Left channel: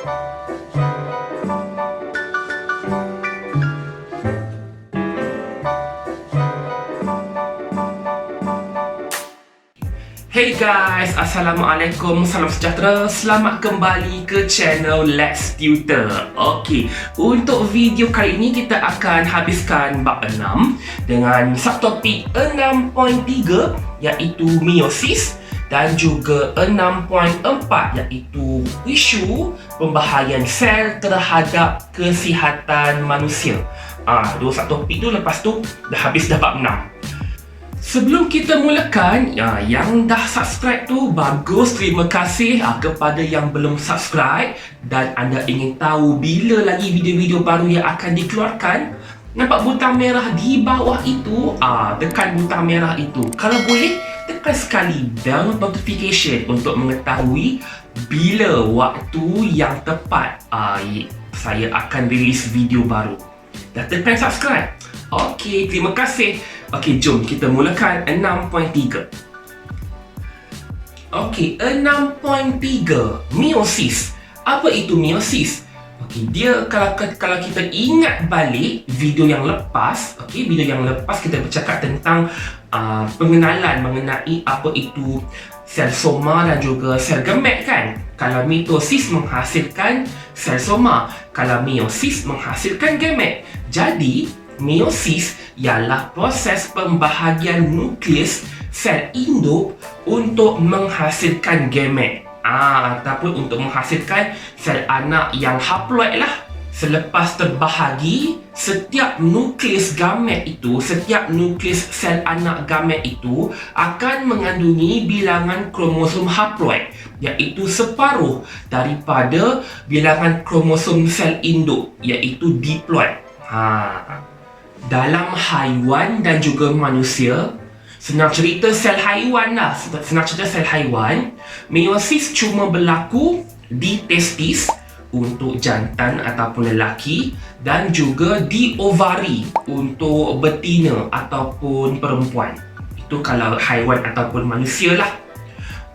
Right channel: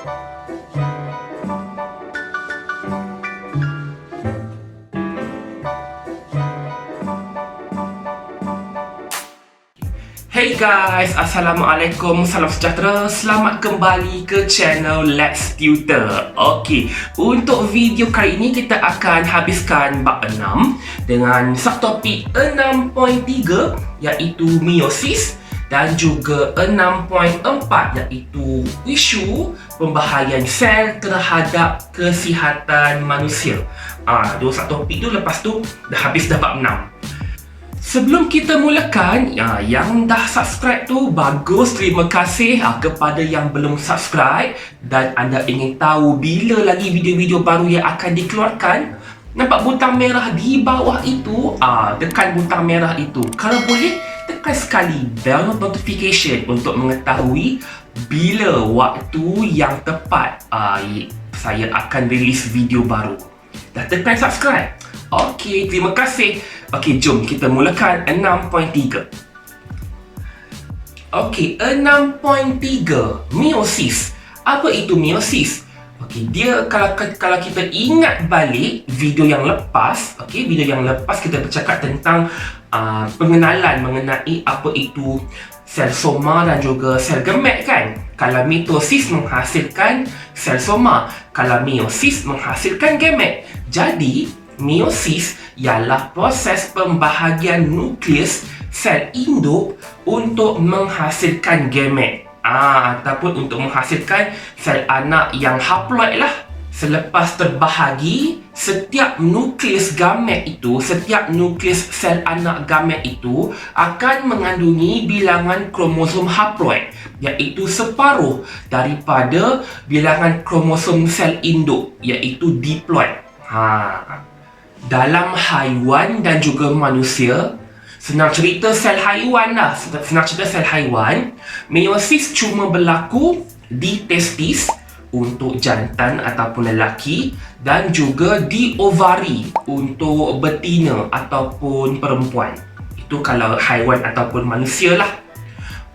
Hey guys, Assalamualaikum, salam sejahtera. Selamat kembali ke channel Let's Tutor. Okey, untuk video kali ini kita akan habiskan bab 6 dengan subtopik 6.3 iaitu meiosis dan juga 6.4 iaitu isu pembahagian sel terhadap kesihatan manusia. Dua subtopik tu, lepas tu dah habis dah bab 6. Sebelum kita mulakan, yang dah subscribe tu bagus, terima kasih. Kepada yang belum subscribe dan anda ingin tahu bila lagi video-video baru yang akan dikeluarkan, nampak butang merah di bawah itu? Tekan butang merah itu. Kalau boleh, tekan sekali bell notification untuk mengetahui bila waktu yang tepat saya akan release video baru. Dah tekan subscribe? Okey, terima kasih. Okey, jom kita mulakan 6.3. Okey, 6.3 meiosis. Apa itu meiosis? Okey, dia kalau kita ingat balik video yang lepas, video yang lepas kita bercakap tentang pengenalan mengenai apa itu sel soma dan juga sel gamet kan. Kalau mitosis menghasilkan sel soma, kalau meiosis menghasilkan gamet. Jadi meiosis ialah proses pembahagian nukleus sel induk untuk menghasilkan gamet ataupun untuk menghasilkan sel anak yang haploid lah. Selepas terbahagi, setiap nukleus gamet itu, setiap nukleus sel anak gamet itu akan mengandungi bilangan kromosom haploid, iaitu separuh daripada bilangan kromosom sel induk, iaitu diploid. Dalam haiwan dan juga manusia, senang cerita sel haiwan lah. Senang cerita sel haiwan, meiosis cuma berlaku di testis untuk jantan ataupun lelaki dan juga di ovari untuk betina ataupun perempuan. Itu kalau haiwan ataupun manusia lah.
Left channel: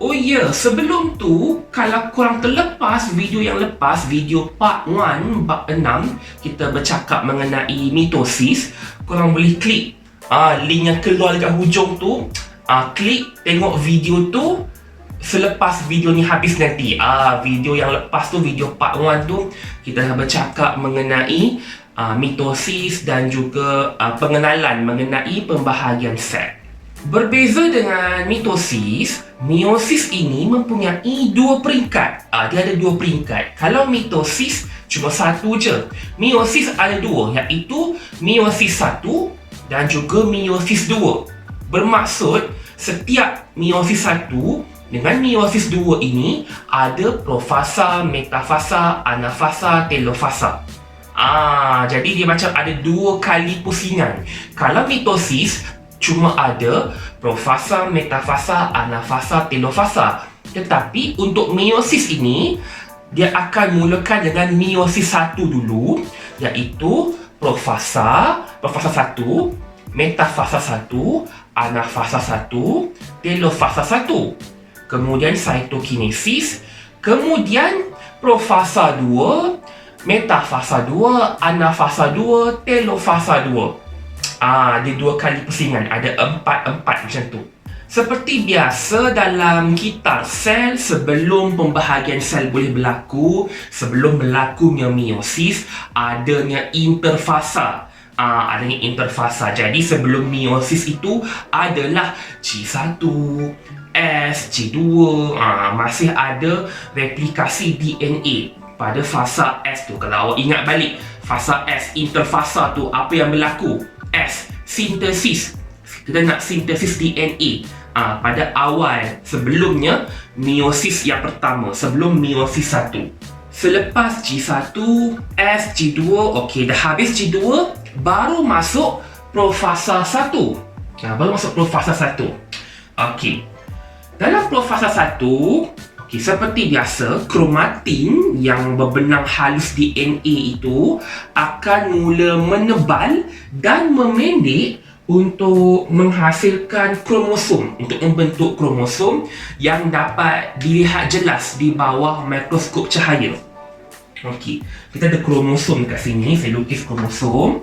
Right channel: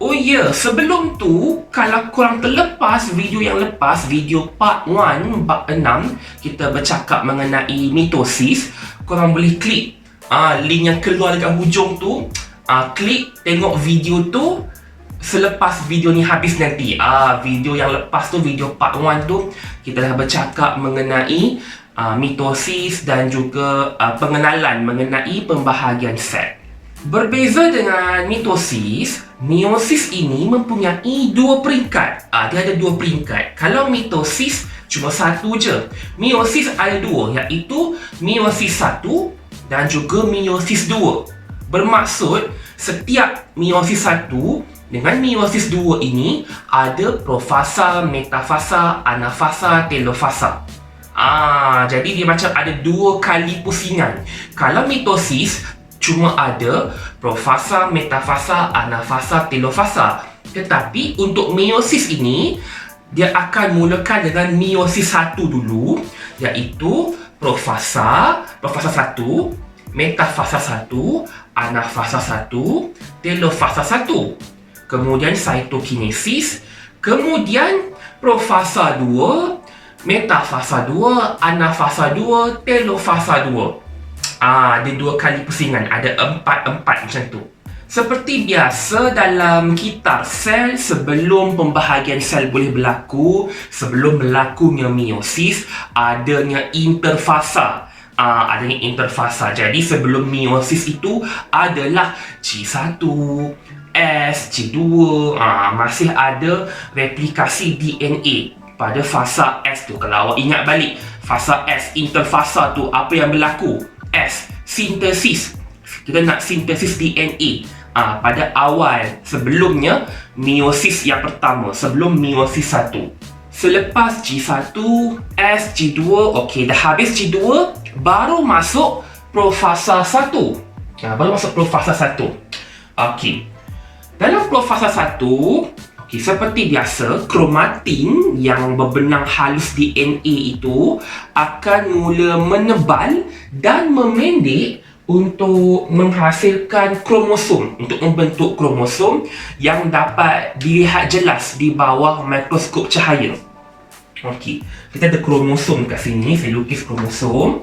Oh ya, sebelum tu, kalau korang terlepas video yang lepas, video part 1 bab 6, kita bercakap mengenai mitosis, korang boleh klik link yang keluar dekat hujung tu, klik tengok video tu selepas video ni habis nanti. Video yang lepas tu, video part 1 tu, kita dah bercakap mengenai mitosis dan juga pengenalan mengenai pembahagian sel. Berbeza dengan mitosis, meiosis ini mempunyai dua peringkat. Dia ada dua peringkat. Kalau mitosis cuma satu je. Meiosis ada dua, iaitu meiosis 1 dan juga meiosis 2. Bermaksud setiap meiosis 1 dengan meiosis 2 ini ada profasa, metafasa, anafasa, telofasa. Jadi dia macam ada dua kali pusingan. Kalau mitosis cuma ada profasa, metafasa, anafasa, telofasa. Tetapi untuk meiosis ini, dia akan mulakan dengan meiosis 1 dulu, iaitu profasa 1, metafasa 1, anafasa 1, telofasa 1. Kemudian cytokinesis, kemudian profasa 2, metafasa 2, anafasa 2, telofasa 2. Ada dua kali pusingan, ada 4 macam tu. Seperti biasa dalam kitar sel, sebelum pembahagian sel boleh berlaku, sebelum berlakunya meiosis, adanya interfasa. Jadi sebelum meiosis itu adalah G1, S, G2, masih ada replikasi DNA pada fasa S tu. Kalau awak ingat balik, fasa S, interfasa tu, apa yang berlaku? S, sintesis. Kita nak sintesis DNA pada awal, sebelumnya meiosis yang pertama, sebelum meiosis 1. Selepas G1, S, G2, okey, dah habis G2, baru masuk profasa 1. Baru masuk profasa 1. Okey. Dalam profasa 1, seperti biasa, kromatin yang berbenang halus DNA itu akan mula menebal dan memendek untuk menghasilkan kromosom, untuk membentuk kromosom yang dapat dilihat jelas di bawah mikroskop cahaya. Okey, kita ada kromosom kat sini. Saya lukis kromosom.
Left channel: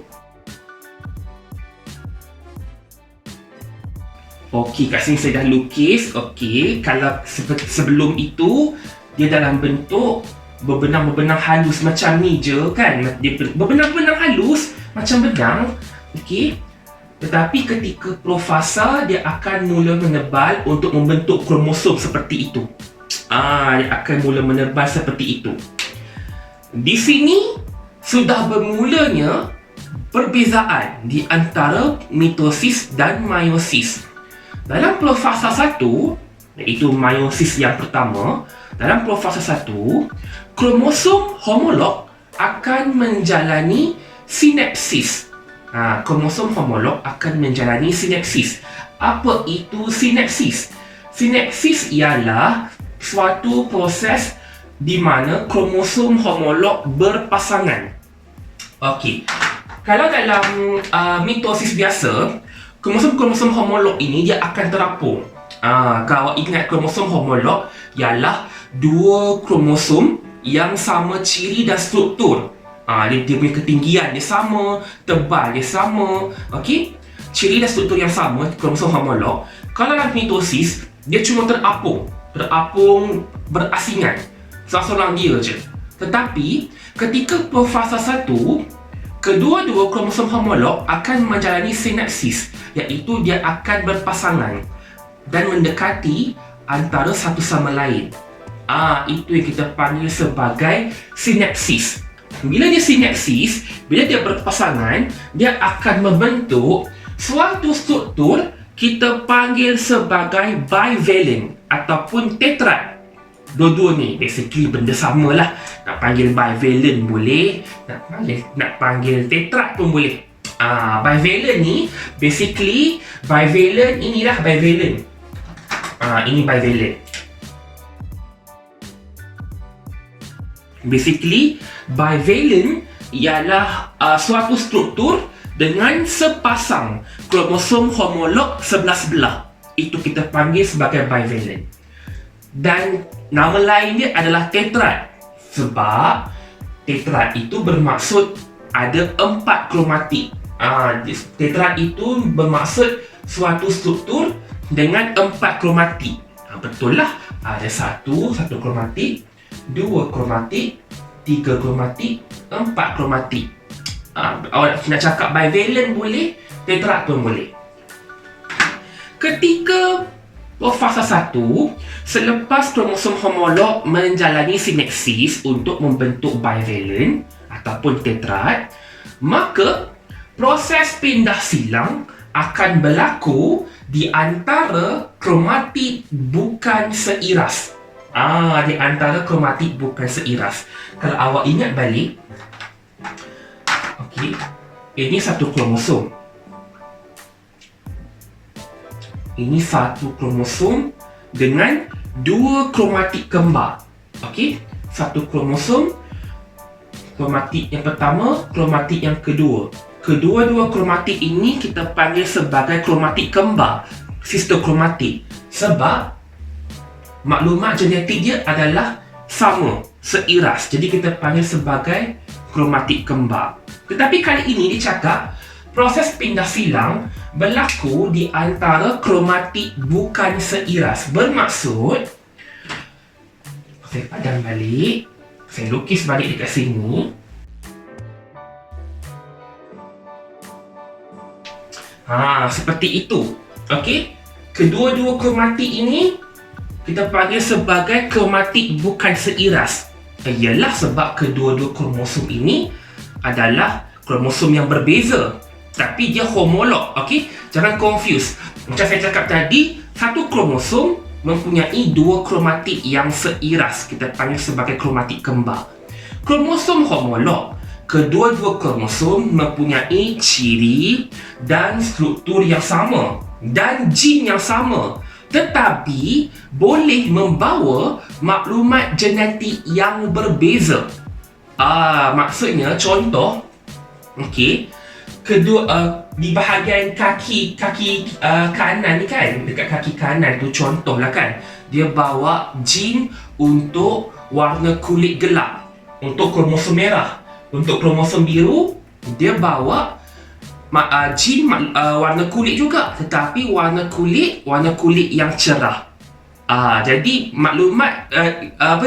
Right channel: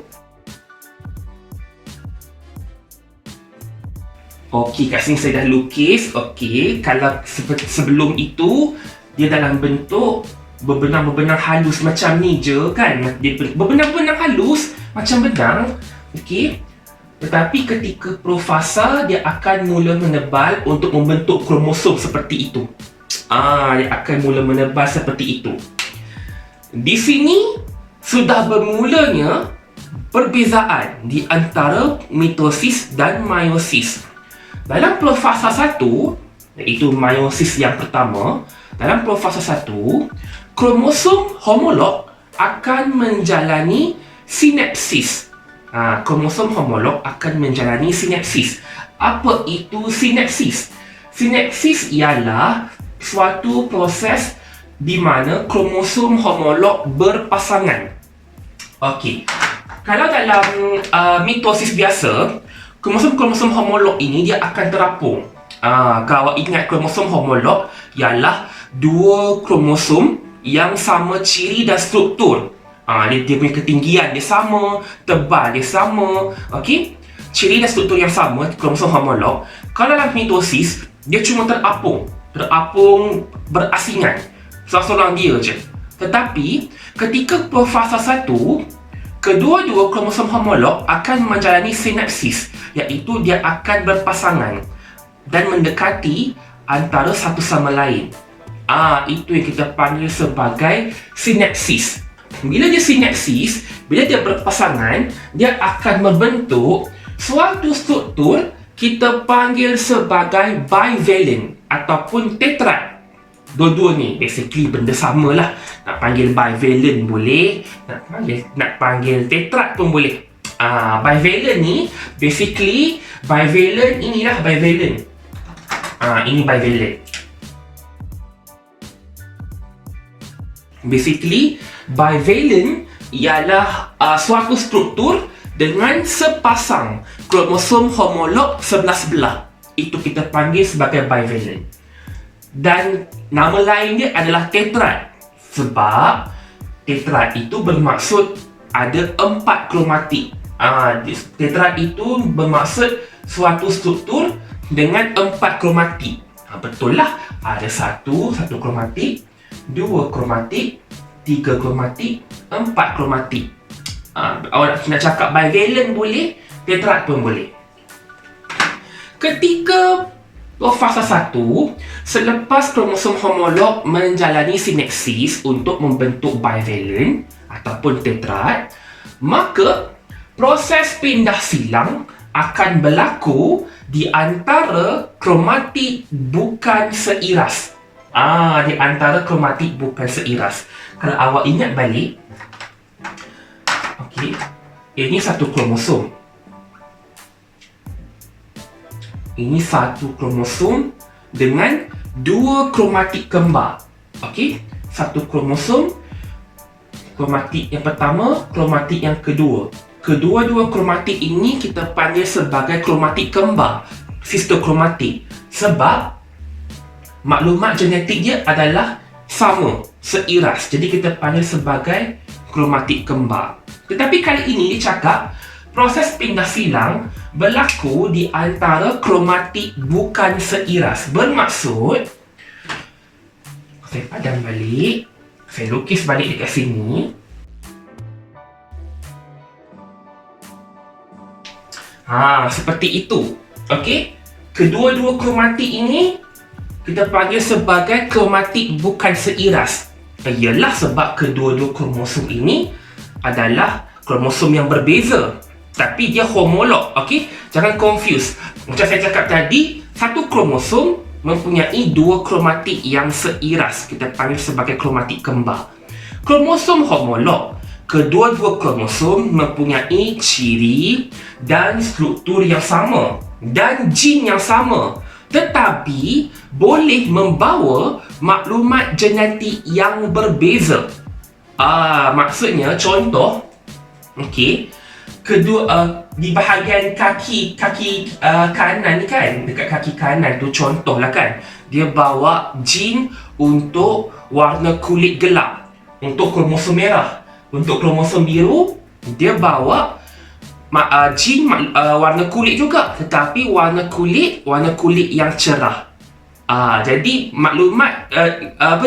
Okey, kat sini saya dah lukis. Okey, kalau sebelum itu dia dalam bentuk berbenang-benang halus macam ni je kan. Dia berbenang-benang halus macam benang. Okey. Tetapi ketika profasa dia akan mula menebal untuk membentuk kromosom seperti itu. Dia akan mula menebal seperti itu. Di sini sudah bermulanya perbezaan di antara mitosis dan meiosis. Dalam profasa 1, iaitu meiosis yang pertama, dalam profasa 1, kromosom homolog akan menjalani sinapsis. Kromosom homolog akan menjalani sinapsis. Apa itu sinapsis? Sinapsis ialah suatu proses di mana kromosom homolog berpasangan. Okey. Kalau dalam mitosis biasa, kromosom homolog ini dia akan terapung. Kalau ingat, kromosom homolog ialah dua kromosom yang sama ciri dan struktur. Dia punya ketinggian dia sama, tebal dia sama. Okey. Ciri dan struktur yang sama, kromosom homolog. Kalau dalam mitosis, dia cuma terapung berasingan. Seorang dia je. Tetapi ketika profasa 1, kedua-dua kromosom homolog akan menjalani sinapsis, iaitu dia akan berpasangan dan mendekati antara satu sama lain. Itu yang kita panggil sebagai sinapsis. Bila dia sinapsis, bila dia berpasangan, dia akan membentuk suatu struktur kita panggil sebagai bivalent ataupun tetrad. Dua-dua ni basically benda sama lah. Nak panggil bivalent boleh, nak panggil tetrad pun boleh. Bivalent ni basically bivalent, inilah bivalent. Ini bivalent. Basically bivalent ialah suatu struktur dengan sepasang kromosom homolog sebelah sebelah. Itu kita panggil sebagai bivalent. Dan nama lainnya adalah tetrad. Sebab tetrad itu bermaksud ada 4 kromatik. Tetrad itu bermaksud suatu struktur dengan 4 kromatik. Betul lah. Ada satu kromatik, 2 kromatik, 3 kromatik, 4 kromatik. Awak nak cakap bivalent boleh, tetrad pun boleh. Ketika fasa 1, selepas kromosom homolog menjalani sinapsis untuk membentuk bivalent ataupun tetrad, maka proses pindah silang akan berlaku di antara kromatik bukan seiras. Di antara kromatik bukan seiras. Kalau awak ingat balik, okey, ini satu kromosom. Ini satu kromosom dengan 2 kromatik kembar. Okey, satu kromosom, kromatik yang pertama, kromatik yang kedua. Kedua-dua kromatik ini kita panggil sebagai kromatik kembar, sisterkromatik. Sebab maklumat genetik dia adalah sama, seiras. Jadi kita panggil sebagai kromatik kembar. Tetapi kali ini dicakap proses pindah silang berlaku di antara kromatik bukan seiras. Bermaksud, saya padam balik, saya lukis balik dekat sini. Seperti itu. Okey, kedua-dua kromatik ini kita panggil sebagai kromatik bukan seiras. Ialah sebab kedua-dua kromosom ini adalah kromosom yang berbeza, tapi dia homolog. Okey, jangan confuse. Macam saya cakap tadi, satu kromosom mempunyai 2 kromatik yang seiras. Kita panggil sebagai kromatik kembar. Kromosom homolog, kedua-dua kromosom mempunyai ciri dan struktur yang sama dan gene yang sama, tetapi boleh membawa maklumat genetik yang berbeza. Maksudnya, contoh, okey, kedua di bahagian kaki kanan ni kan, dekat kaki kanan tu contohlah kan, dia bawa gene untuk warna kulit gelap. untuk kromosom merah. Untuk kromosom biru, dia bawa jin warna kulit juga, tetapi warna kulit yang cerah. Jadi maklumat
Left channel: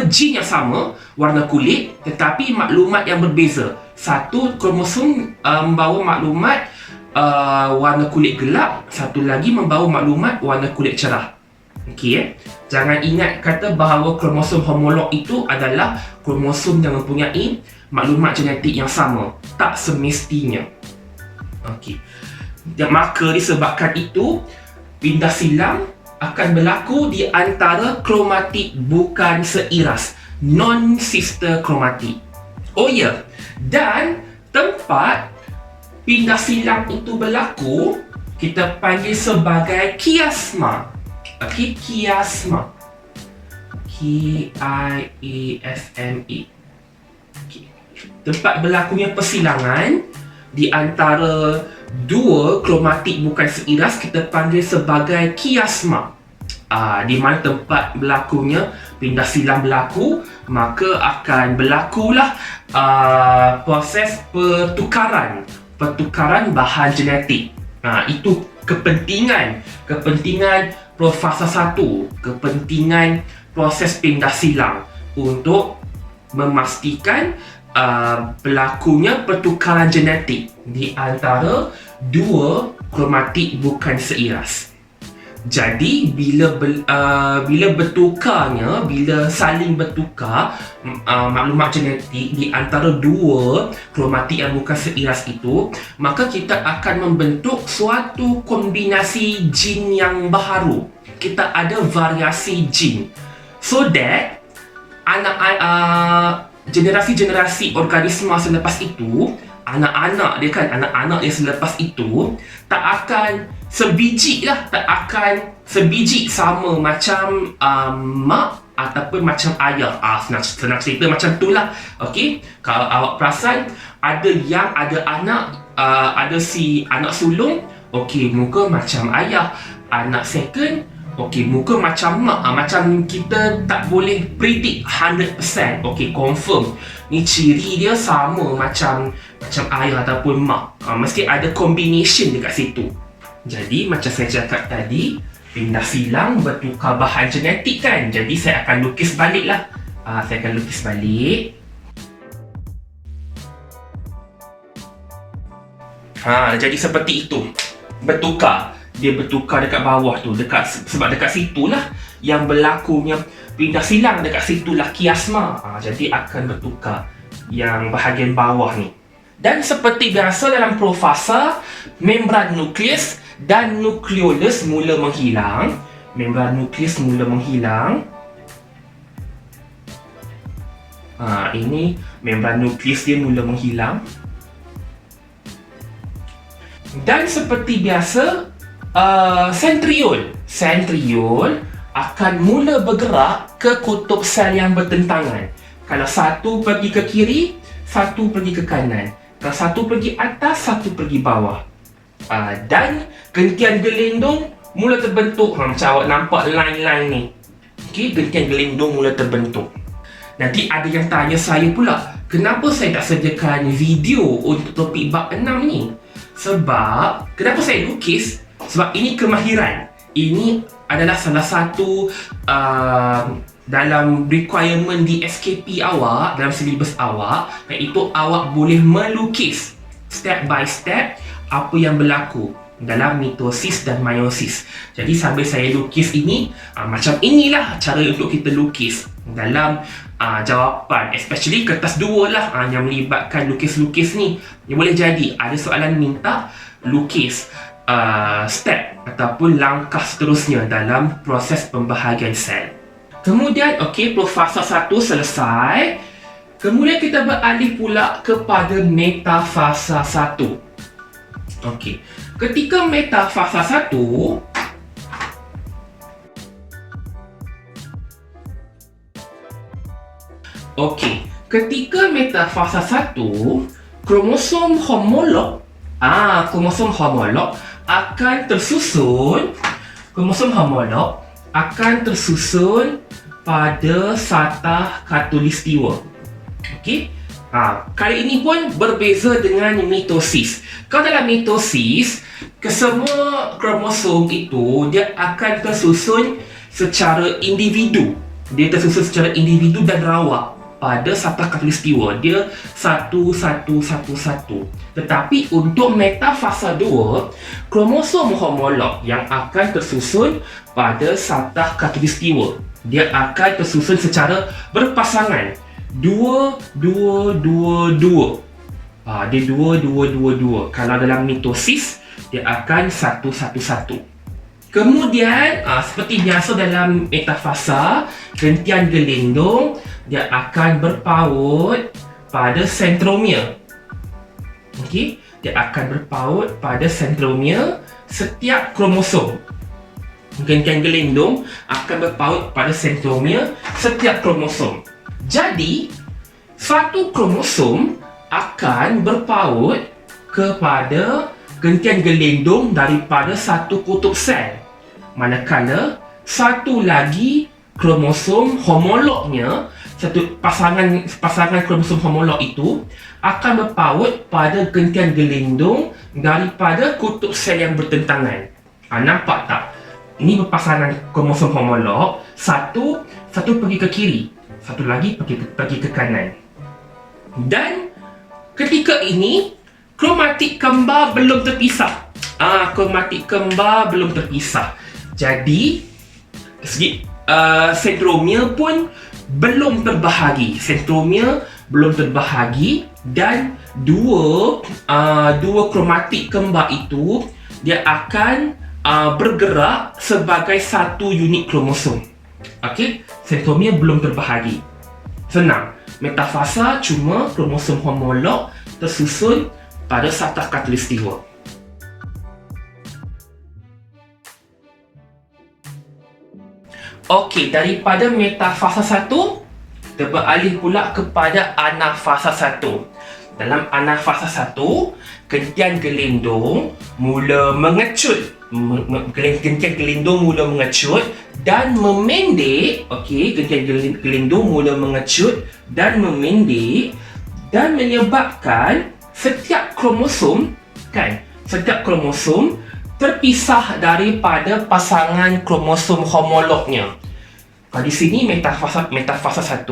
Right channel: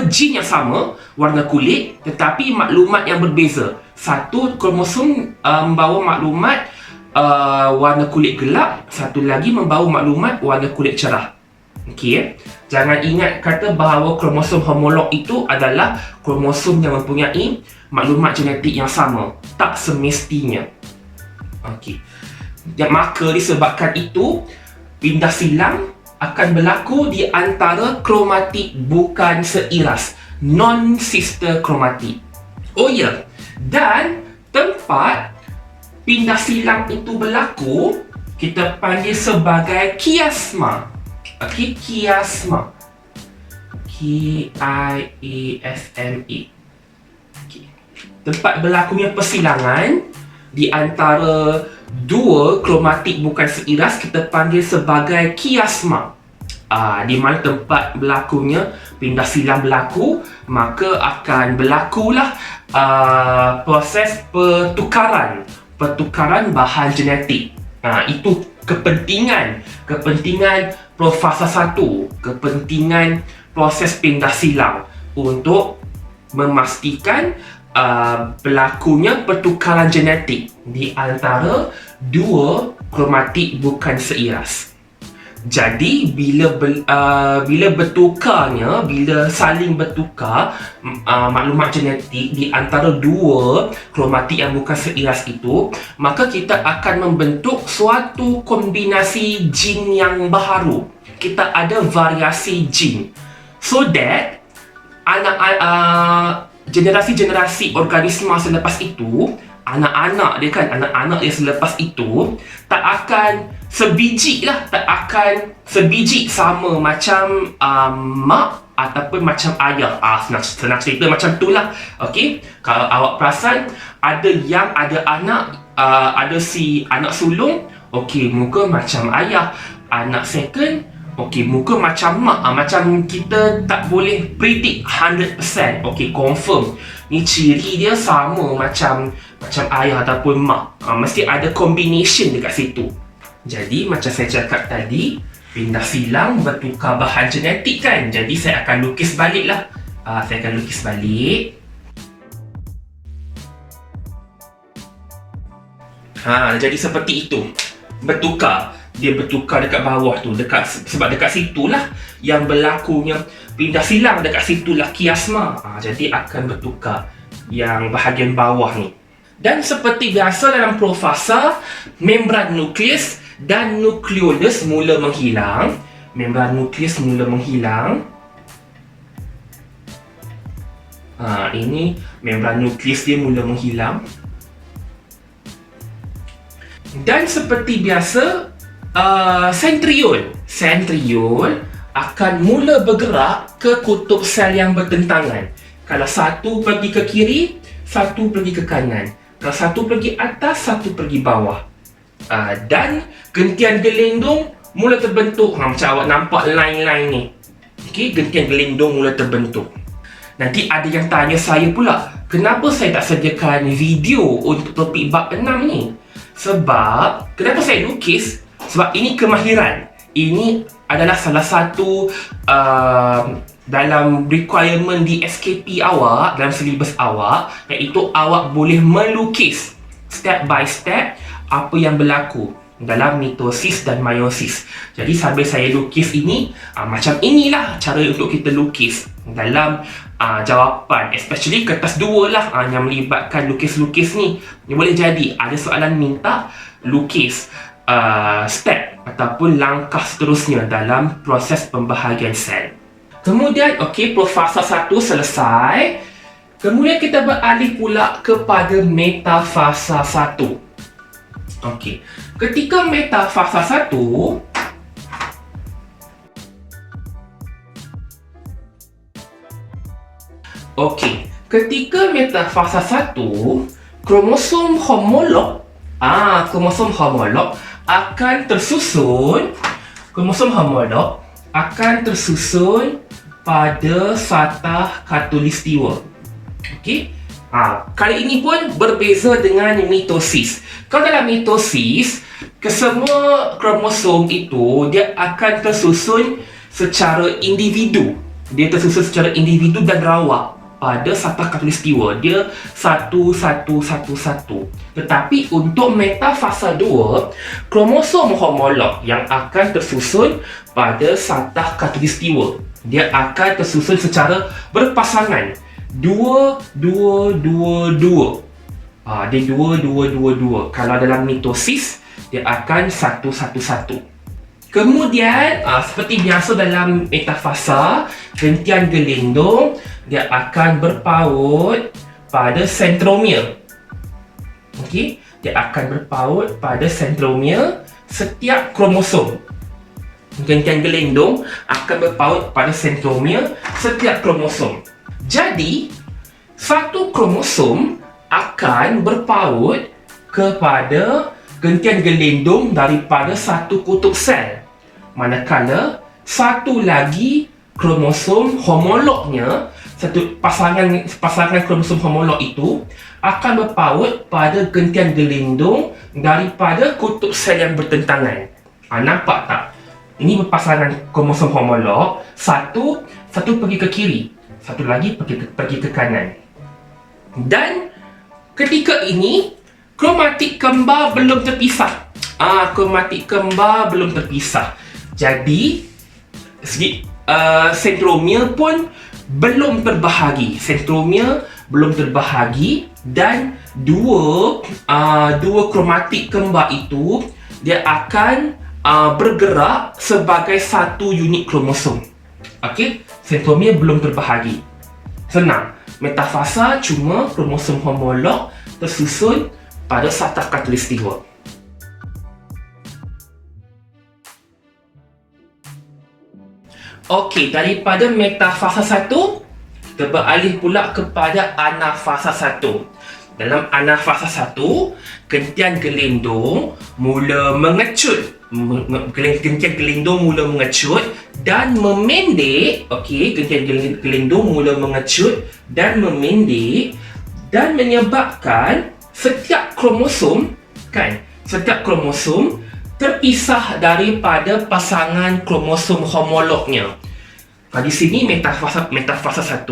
jin yang sama, warna kulit, tetapi maklumat yang berbeza. Satu kromosom membawa maklumat warna kulit gelap, satu lagi membawa maklumat warna kulit cerah. Okey, jangan ingat kata bahawa kromosom homolog itu adalah kromosom yang mempunyai maklumat genetik yang sama. Tak semestinya. Okey. Dan maka disebabkan itu, pindah silang akan berlaku di antara kromatik bukan seiras, non-sister kromatik. Oh ya, dan tempat pindah silang itu berlaku kita panggil sebagai kiasma. Okey, kiasma. Kiasma. Okey. Tempat berlakunya persilangan di antara dua kromatik bukan seiras kita panggil sebagai kiasma. Di mana tempat berlakunya pindah silang berlaku, maka akan berlakulah proses pertukaran bahan genetik. Itu kepentingan fasa 1, kepentingan proses pindah silang untuk memastikan berlakunya pertukaran genetik di antara dua kromatik bukan seiras. Jadi bila saling bertukar maklumat genetik di antara dua kromatik yang bukan seiras itu, maka kita akan membentuk suatu kombinasi jin yang baharu. Kita ada variasi jin, so that generasi-generasi organisma selepas itu, anak-anak yang selepas itu tak akan sebiji sama macam mak ataupun macam ayah. Senang cerita macam tu lah. Okey, kalau awak perasan, ada anak, ada si anak sulung, okey, muka macam ayah. Anak second, okey, muka macam mak. Macam kita tak boleh predict 100%. Okey, confirm ni ciri dia sama macam ayah ataupun mak. Mesti ada combination dekat situ. Jadi macam saya cakap tadi, pindah silang bertukar bahan genetik kan. Jadi saya akan lukis balik lah. Saya akan lukis balik. Jadi seperti itu. Dia bertukar dekat bawah tu, sebab dekat situlah yang berlakunya pindah silang, dekat situlah kiasma. Jadi akan bertukar yang bahagian bawah ni. Dan seperti biasa dalam profasa, membran nukleus dan nukleolus mula menghilang. Membran nukleus mula menghilang. Ini membran nukleus dia mula menghilang. Dan seperti biasa, sentriol akan mula bergerak ke kutub sel yang bertentangan. Kalau satu pergi ke kiri, satu pergi ke kanan. Kalau satu pergi atas, satu pergi bawah. Dan gentian gelindung mula terbentuk. Macam awak nampak line-line ni. Okey, gentian gelindung mula terbentuk. Nanti ada yang tanya saya pula, kenapa saya tak sediakan video untuk topik bab 6 ni? Sebab, kenapa saya lukis? Sebab ini kemahiran. Ini adalah salah satu dalam requirement di SKP awak, dalam silibus awak, iaitu awak boleh melukis step by step apa yang berlaku dalam mitosis dan meiosis. Jadi sambil saya lukis ini, macam inilah cara untuk kita lukis dalam jawapan, especially kertas 2 lah yang melibatkan lukis-lukis ni. Boleh jadi ada soalan minta lukis step ataupun langkah seterusnya dalam proses pembahagian sel. Kemudian, okey, profasa 1 selesai. Kemudian kita beralih pula kepada metafasa 1. Okey, ketika metafasa 1, ketika metafasa 1, kromosom homolog akan tersusun pada satah khatulistiwa. Okey. Kali ini pun berbeza dengan mitosis. Kalau dalam mitosis, kesemua kromosom itu dia akan tersusun secara individu. Dia tersusun secara individu dan rawak pada satu khatulistiwa. Dia satu. Tetapi untuk metafasa 2, kromosom homolog yang akan tersusun pada satu khatulistiwa, dia akan tersusun secara berpasangan. 2. Dia 2. Kalau dalam mitosis, dia akan 1. Kemudian, seperti biasa dalam metafasa, gentian gelindung, dia akan berpaut pada sentromere. Okey, dia akan berpaut pada sentromere setiap kromosom. Gentian gelindung akan berpaut pada sentromere setiap kromosom. Jadi, satu kromosom akan berpaut kepada gentian gelindung daripada satu kutub sel. Manakala satu lagi kromosom homolognya, satu pasangan kromosom homolog itu akan berpaut pada gentian gelindung daripada kutub sel yang bertentangan. Nampak tak? Ini berpasangan kromosom homolog, satu pergi ke kiri, satu lagi pergi ke kanan. Dan ketika ini kromatik kembar belum terpisah. Jadi sentromere pun belum terbahagi. Dan dua kromatik kembar itu dia akan bergerak sebagai satu unit kromosom. Okey, sentromere belum terbahagi. Senang. Metafasa cuma kromosom homolog tersusun pada satu khatulistiwa. Okey, daripada metafasa 1, kita beralih pula kepada anafasa 1. Dalam anafasa 1, gentian gelindung mula mengecut. Gentian gelindung mula mengecut dan memendek. Okey, gentian gelindung mula mengecut dan memendek dan menyebabkan setiap kromosom terpisah daripada pasangan kromosom homolognya. Di sini metafasa 1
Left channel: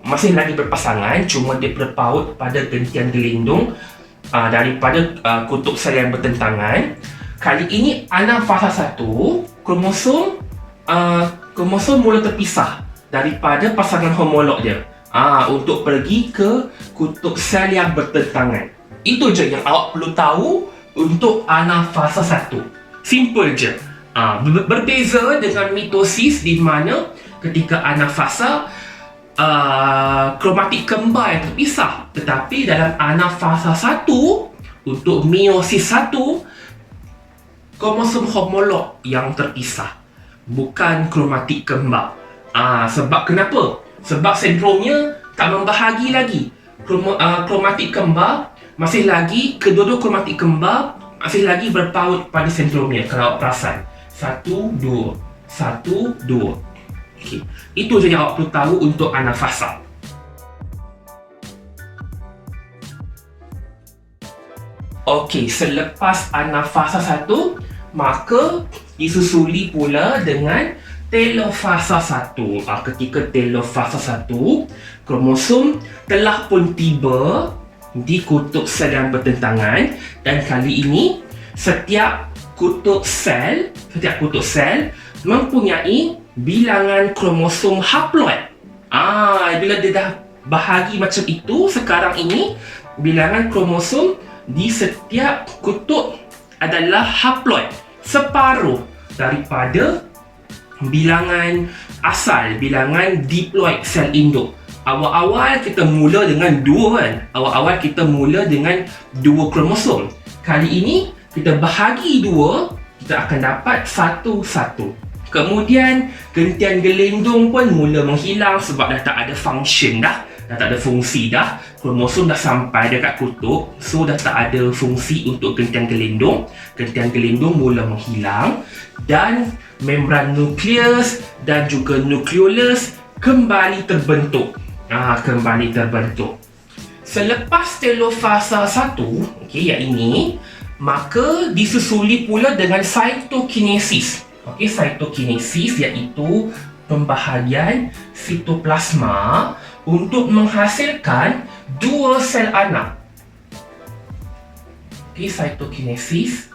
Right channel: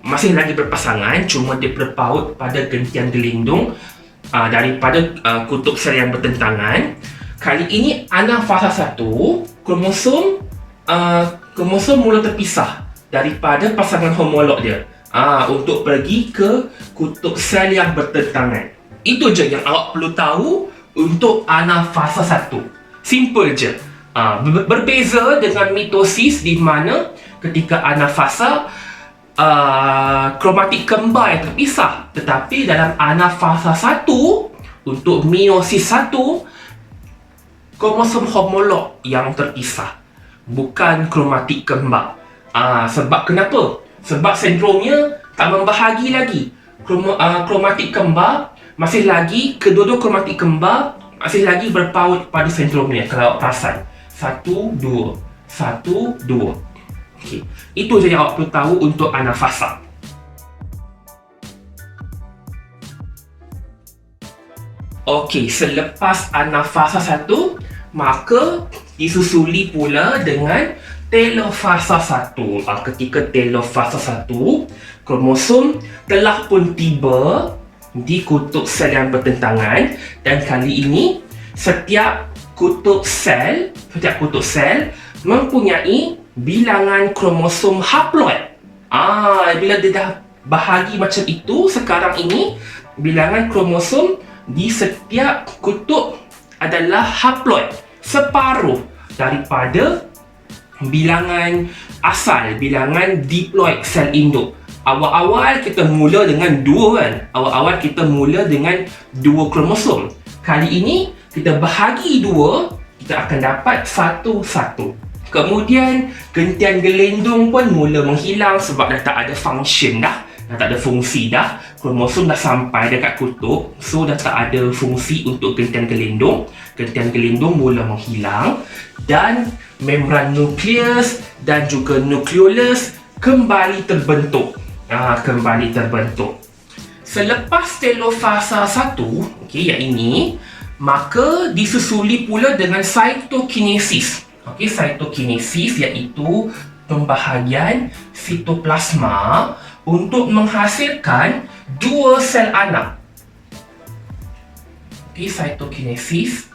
masih lagi berpasangan, cuma dia berpaut pada gentian gelindung daripada kutub sel yang bertentangan. Kali ini anafasa 1, kromosom mula terpisah daripada pasangan homolog dia untuk pergi ke kutub sel yang bertentangan. Itu je yang awak perlu tahu untuk anafasa 1. Simple je. Berbeza dengan mitosis di mana ketika anafasa kromatik kembar yang terpisah. Tetapi dalam anafasa 1 untuk meiosis 1, kromosom homolog yang terpisah, bukan kromatik kembar. Sebab kenapa? Sebab sentromere tak membahagi lagi. Kromatik kembar masih lagi, kedua-dua kromatik kembar masih lagi berpaut pada sentromere. Kalau awak perasan, 1, 2. Okay. Itu je yang awak perlu tahu untuk anafasa. Okey, selepas anafasa 1, maka disusuli pula dengan telofasa 1. Ketika telofasa 1, kromosom telah pun tiba di kutub sel yang bertentangan, dan kali ini setiap kutub sel mempunyai bilangan kromosom haploid. Bila dia dah bahagi macam itu, sekarang ini bilangan kromosom di setiap kutub adalah haploid, separuh daripada bilangan asal, bilangan diploid sel induk. Awal-awal kita mula dengan 2 kan? Awal-awal kita mula dengan 2 kromosom. Kali ini kita bahagi 2, kita akan dapat 1. Kemudian gentian gelindung pun mula menghilang sebab dah tak ada function dah tak ada fungsi dah. Kromosom dah sampai dekat kutub, so dah tak ada fungsi untuk gentian gelindung. Gentian gelindung mula menghilang dan membran nukleus dan juga nukleolus kembali terbentuk. kembali terbentuk. Selepas telofasa 1, okey, yang ini, maka disusuli pula dengan cytokinesis. Okey, cytokinesis iaitu pembahagian sitoplasma untuk menghasilkan dua sel anak. Okey, cytokinesis,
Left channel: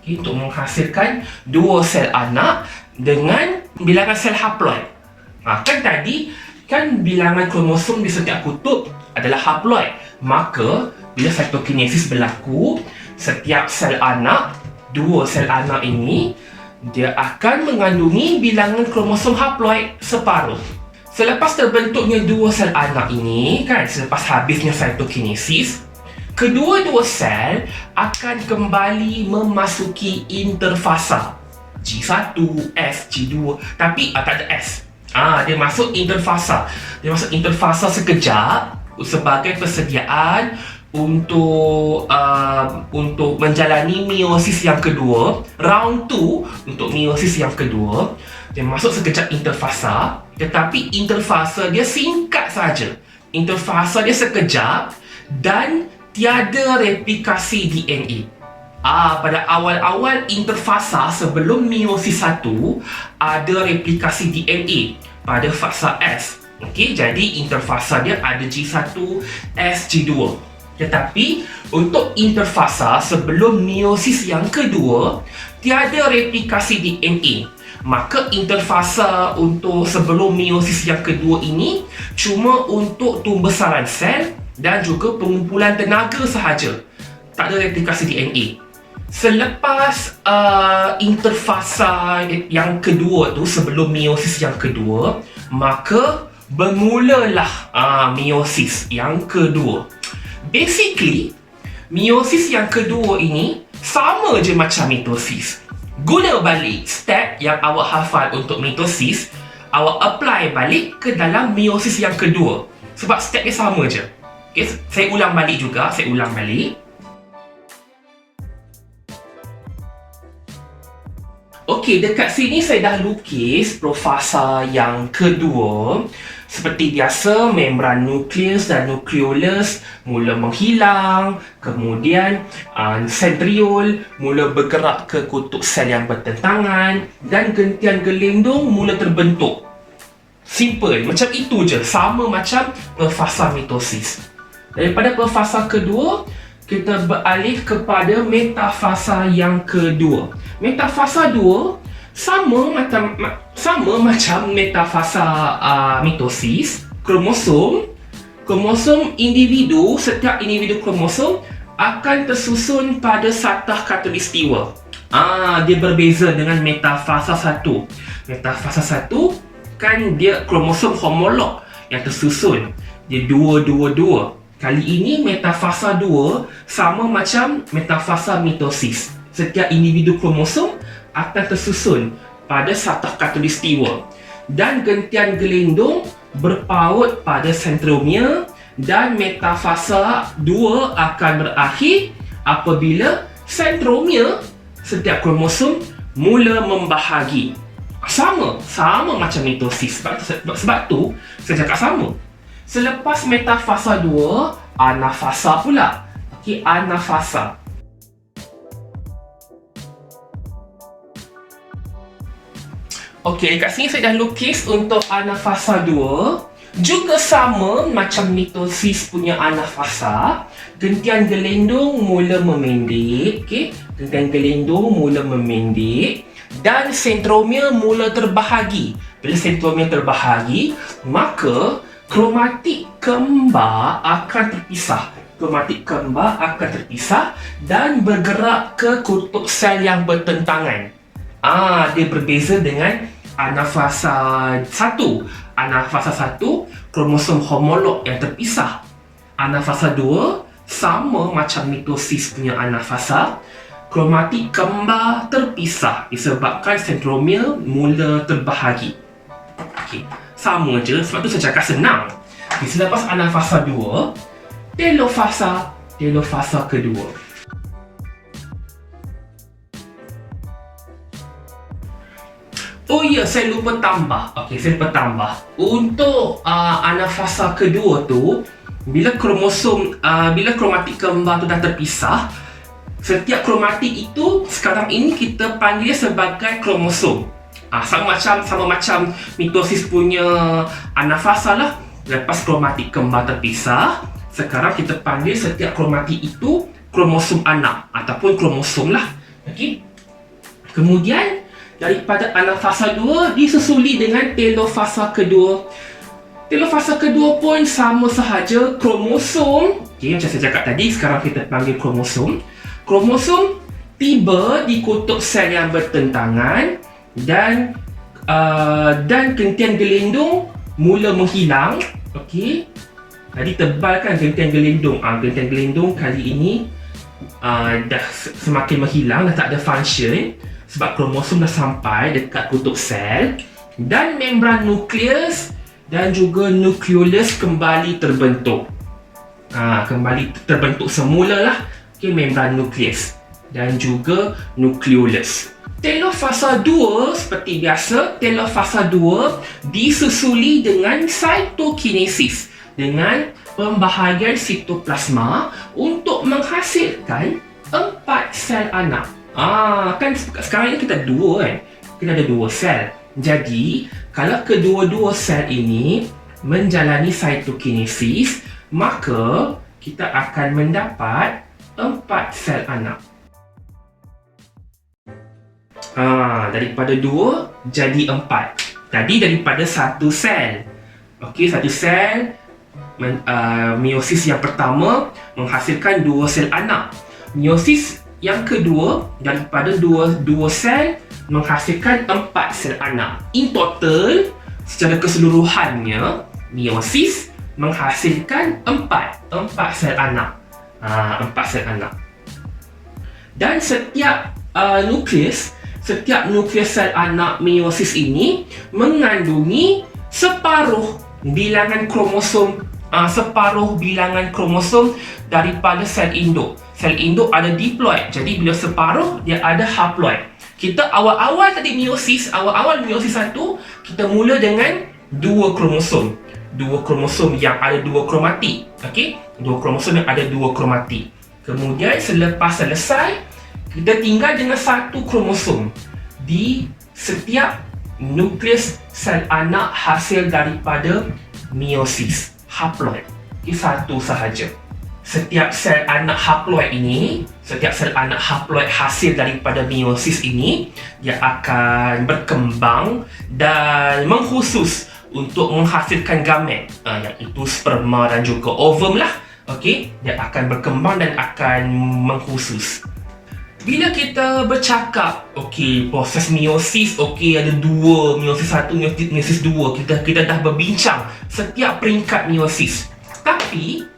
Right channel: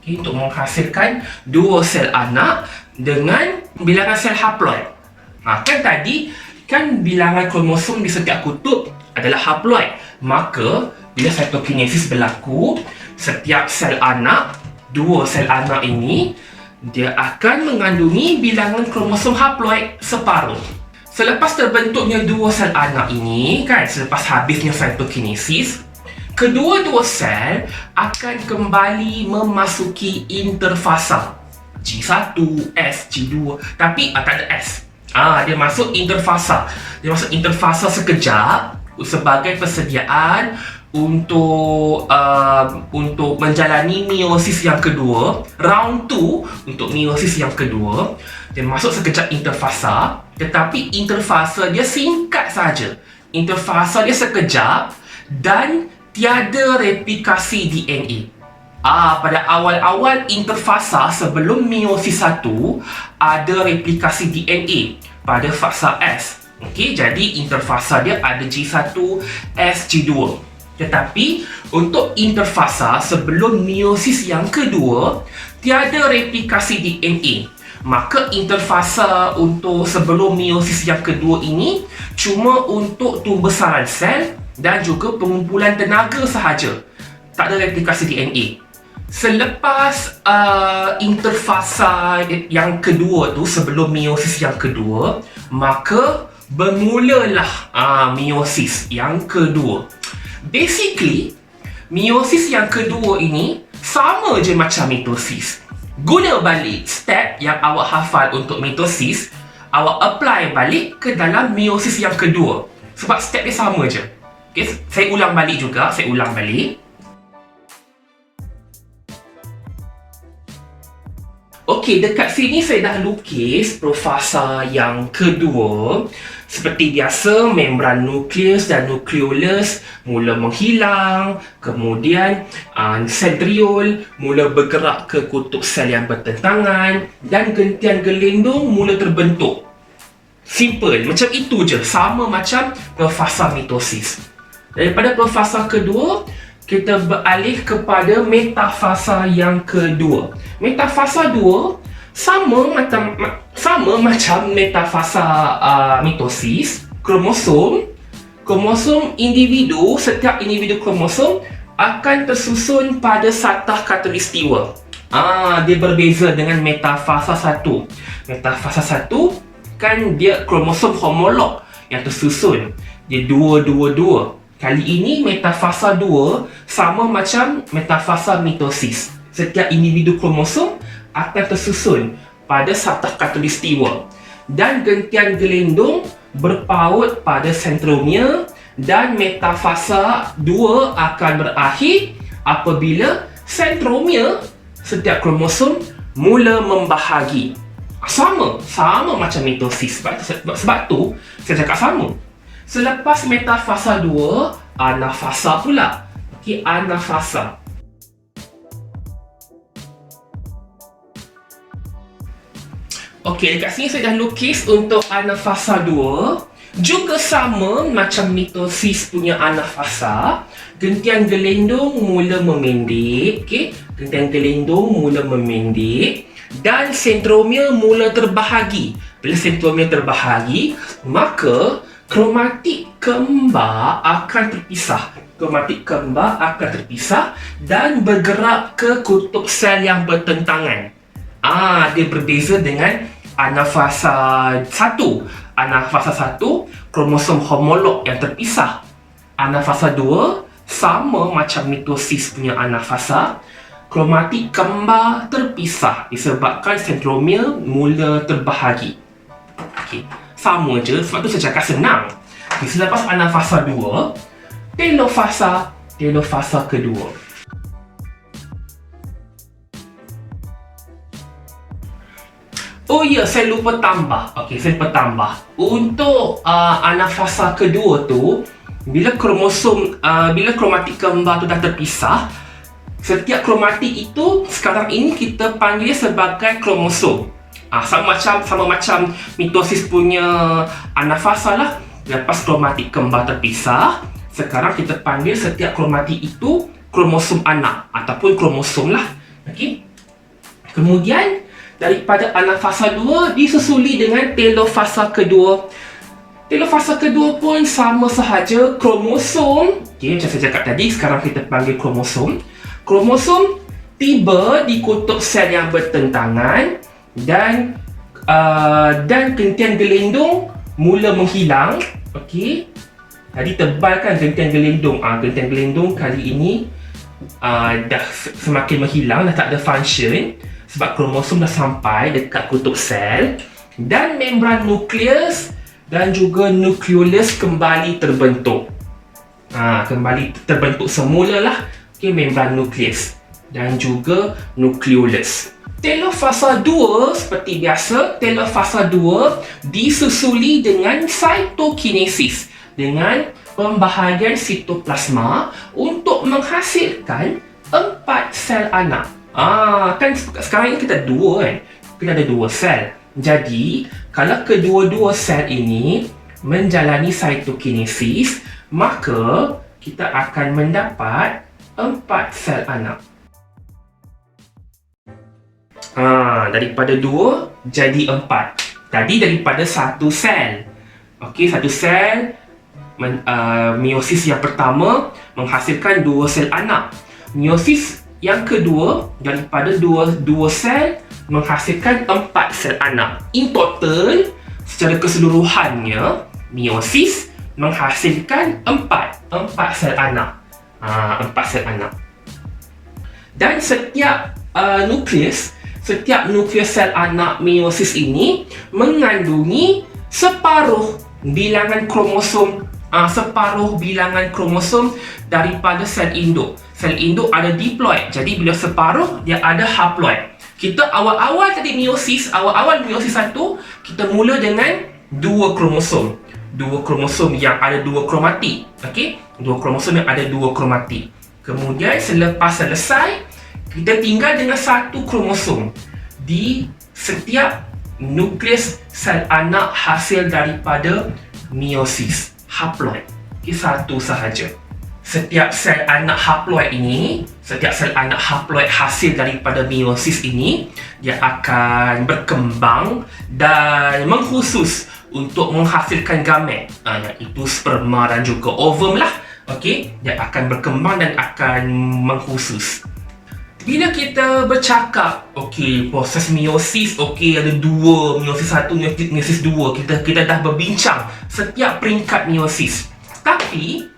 okey, untuk menghasilkan dua sel anak dengan bilangan sel haploid. Kan tadi kan bilangan kromosom di setiap kutub adalah haploid. Maka bila cytokinesis berlaku, setiap sel anak, dua sel anak ini, dia akan mengandungi bilangan kromosom haploid separuh. Selepas terbentuknya dua sel anak ini, kan, selepas habisnya cytokinesis, kedua-dua sel akan kembali memasuki interfasa G1, S, G2, tapi tak ada S. Dia masuk interfasa. Dia masuk interfasa sekejap sebagai persediaan untuk menjalani meiosis yang kedua, round 2 untuk meiosis yang kedua. Dia masuk sekejap interfasa, tetapi interfasa dia singkat saja. Interfasa dia sekejap dan tiada replikasi DNA. Pada awal-awal interfasa sebelum meiosis 1 ada replikasi DNA pada fasa S. Okey, jadi interfasa dia ada G1, S, G2. Tetapi untuk interfasa sebelum meiosis yang kedua tiada replikasi DNA. Maka interfasa untuk sebelum meiosis yang kedua ini cuma untuk pembesaran sel dan juga pengumpulan tenaga sahaja. Tak ada replikasi DNA. Selepas interfasa yang kedua tu, sebelum meiosis yang kedua, maka bermulalah meiosis yang kedua. Basically, meiosis yang kedua ini sama je macam mitosis. Guna balik step yang awak hafal untuk mitosis, awak apply balik ke dalam meiosis yang kedua. Sebab step dia sama je. Okay, saya ulang balik. Okey, dekat sini saya dah lukis profasa yang kedua. Seperti biasa, membran nukleus dan nukleolus mula menghilang. Kemudian sentriol mula bergerak ke kutub sel yang bertentangan. Dan gentian gelindung mula terbentuk. Simple, macam itu je. Sama macam profasa mitosis. Daripada profasa kedua, kita beralih kepada metafasa yang kedua. Metafasa 2 sama macam metafasa mitosis. Kromosom individu, setiap individu kromosom akan tersusun pada satah khatulistiwa. Dia berbeza dengan metafasa 1. Metafasa 1 kan dia kromosom homolog yang tersusun. Dia 2-2-2. Kali ini metafasa 2 sama macam metafasa mitosis. Setiap individu kromosom akan tersusun pada satah khatulistiwa dan gentian gelindung berpaut pada sentromere, dan metafasa 2 akan berakhir apabila sentromere setiap kromosom mula membahagi. Sama macam mitosis. Sebab tu saya cakap sama. Selepas metafasa 2, anafasa pula. Okey, anafasa. Okey, dekat sini saya dah lukis untuk anafasa 2. Juga sama macam mitosis punya anafasa. Gentian gelindung mula memendek. Okey, gentian gelindung mula memendek. Dan sentromere mula terbahagi. Bila sentromere terbahagi, maka kromatik kembar akan terpisah. Dan bergerak ke kutub sel yang bertentangan. Dia berbeza dengan anafasa 1. Anafasa 1, kromosom homolog yang terpisah. Anafasa 2, sama macam mitosis punya anafasa. Kromatik kembar terpisah disebabkan sentromere mula terbahagi. Okey, sama je, sebab tu saya cakap senang. Selepas anafasa 2, telofasa kedua. Oh ya, saya lupa tambah. Okey, saya lupa tambah. Untuk anafasa kedua tu, bila kromatik kembar tu dah terpisah, setiap kromatik itu sekarang ini kita panggil sebagai kromosom. Sama macam mitosis punya anafasa lah. Lepas kromatik kembar terpisah, sekarang kita panggil setiap kromatik itu kromosom anak ataupun kromosom lah. Okey. Kemudian daripada anafasa 2 disusuli dengan telofasa kedua. Telofasa kedua pun sama sahaja, kromosom. Okey, macam saya cakap tadi, sekarang kita panggil kromosom. Kromosom tiba di kutub sel yang bertentangan dan gentian gelindung mula menghilang. Okey. Tadi tebal kan gentian gelindung. Gentian gelindung kali ini dah semakin menghilang, dah tak ada function sebab kromosom dah sampai dekat kutub sel dan membran nukleus dan juga nukleolus kembali terbentuk. Kembali terbentuk semula lah. Okey, membran nukleus dan juga nukleolus. Telofasa 2 seperti biasa, telofasa 2 disusuli dengan cytokinesis, dengan pembahagian sitoplasma untuk menghasilkan 4 sel anak. Kan sekarang ini kita ada 2 kan? Kita ada 2 sel. Jadi, kalau kedua-dua sel ini menjalani cytokinesis, maka kita akan mendapat 4 sel anak. Daripada 2 jadi 4. Jadi daripada 1 sel. Okey, 1 sel meiosis yang pertama menghasilkan 2 sel anak. Meiosis yang kedua daripada 2 sel menghasilkan 4 sel anak. In total, secara keseluruhannya, meiosis menghasilkan 4 sel anak. 4 sel anak. Dan setiap nukleus sel anak meiosis ini mengandungi separuh bilangan kromosom daripada sel induk. Sel induk ada diploid. Jadi bila separuh, dia ada haploid. Kita awal meiosis 1, kita mula dengan 2 kromosom. 2 kromosom yang ada 2 kromatik. Okey? 2 kromosom yang ada 2 kromatik. Kemudian selepas selesai, kita tinggal dengan 1 kromosom di setiap nukleus sel anak hasil daripada meiosis, haploid. Okey, 1 sahaja. Setiap sel anak haploid hasil daripada meiosis ini, dia akan berkembang dan mengkhusus untuk menghasilkan gamet, iaitu sperma dan juga ovum lah. Okey, dia akan berkembang dan akan mengkhusus. Bila kita bercakap, okey, proses meiosis, okey, ada 2, meiosis 1, meiosis 2, kita dah berbincang setiap peringkat meiosis. Tapi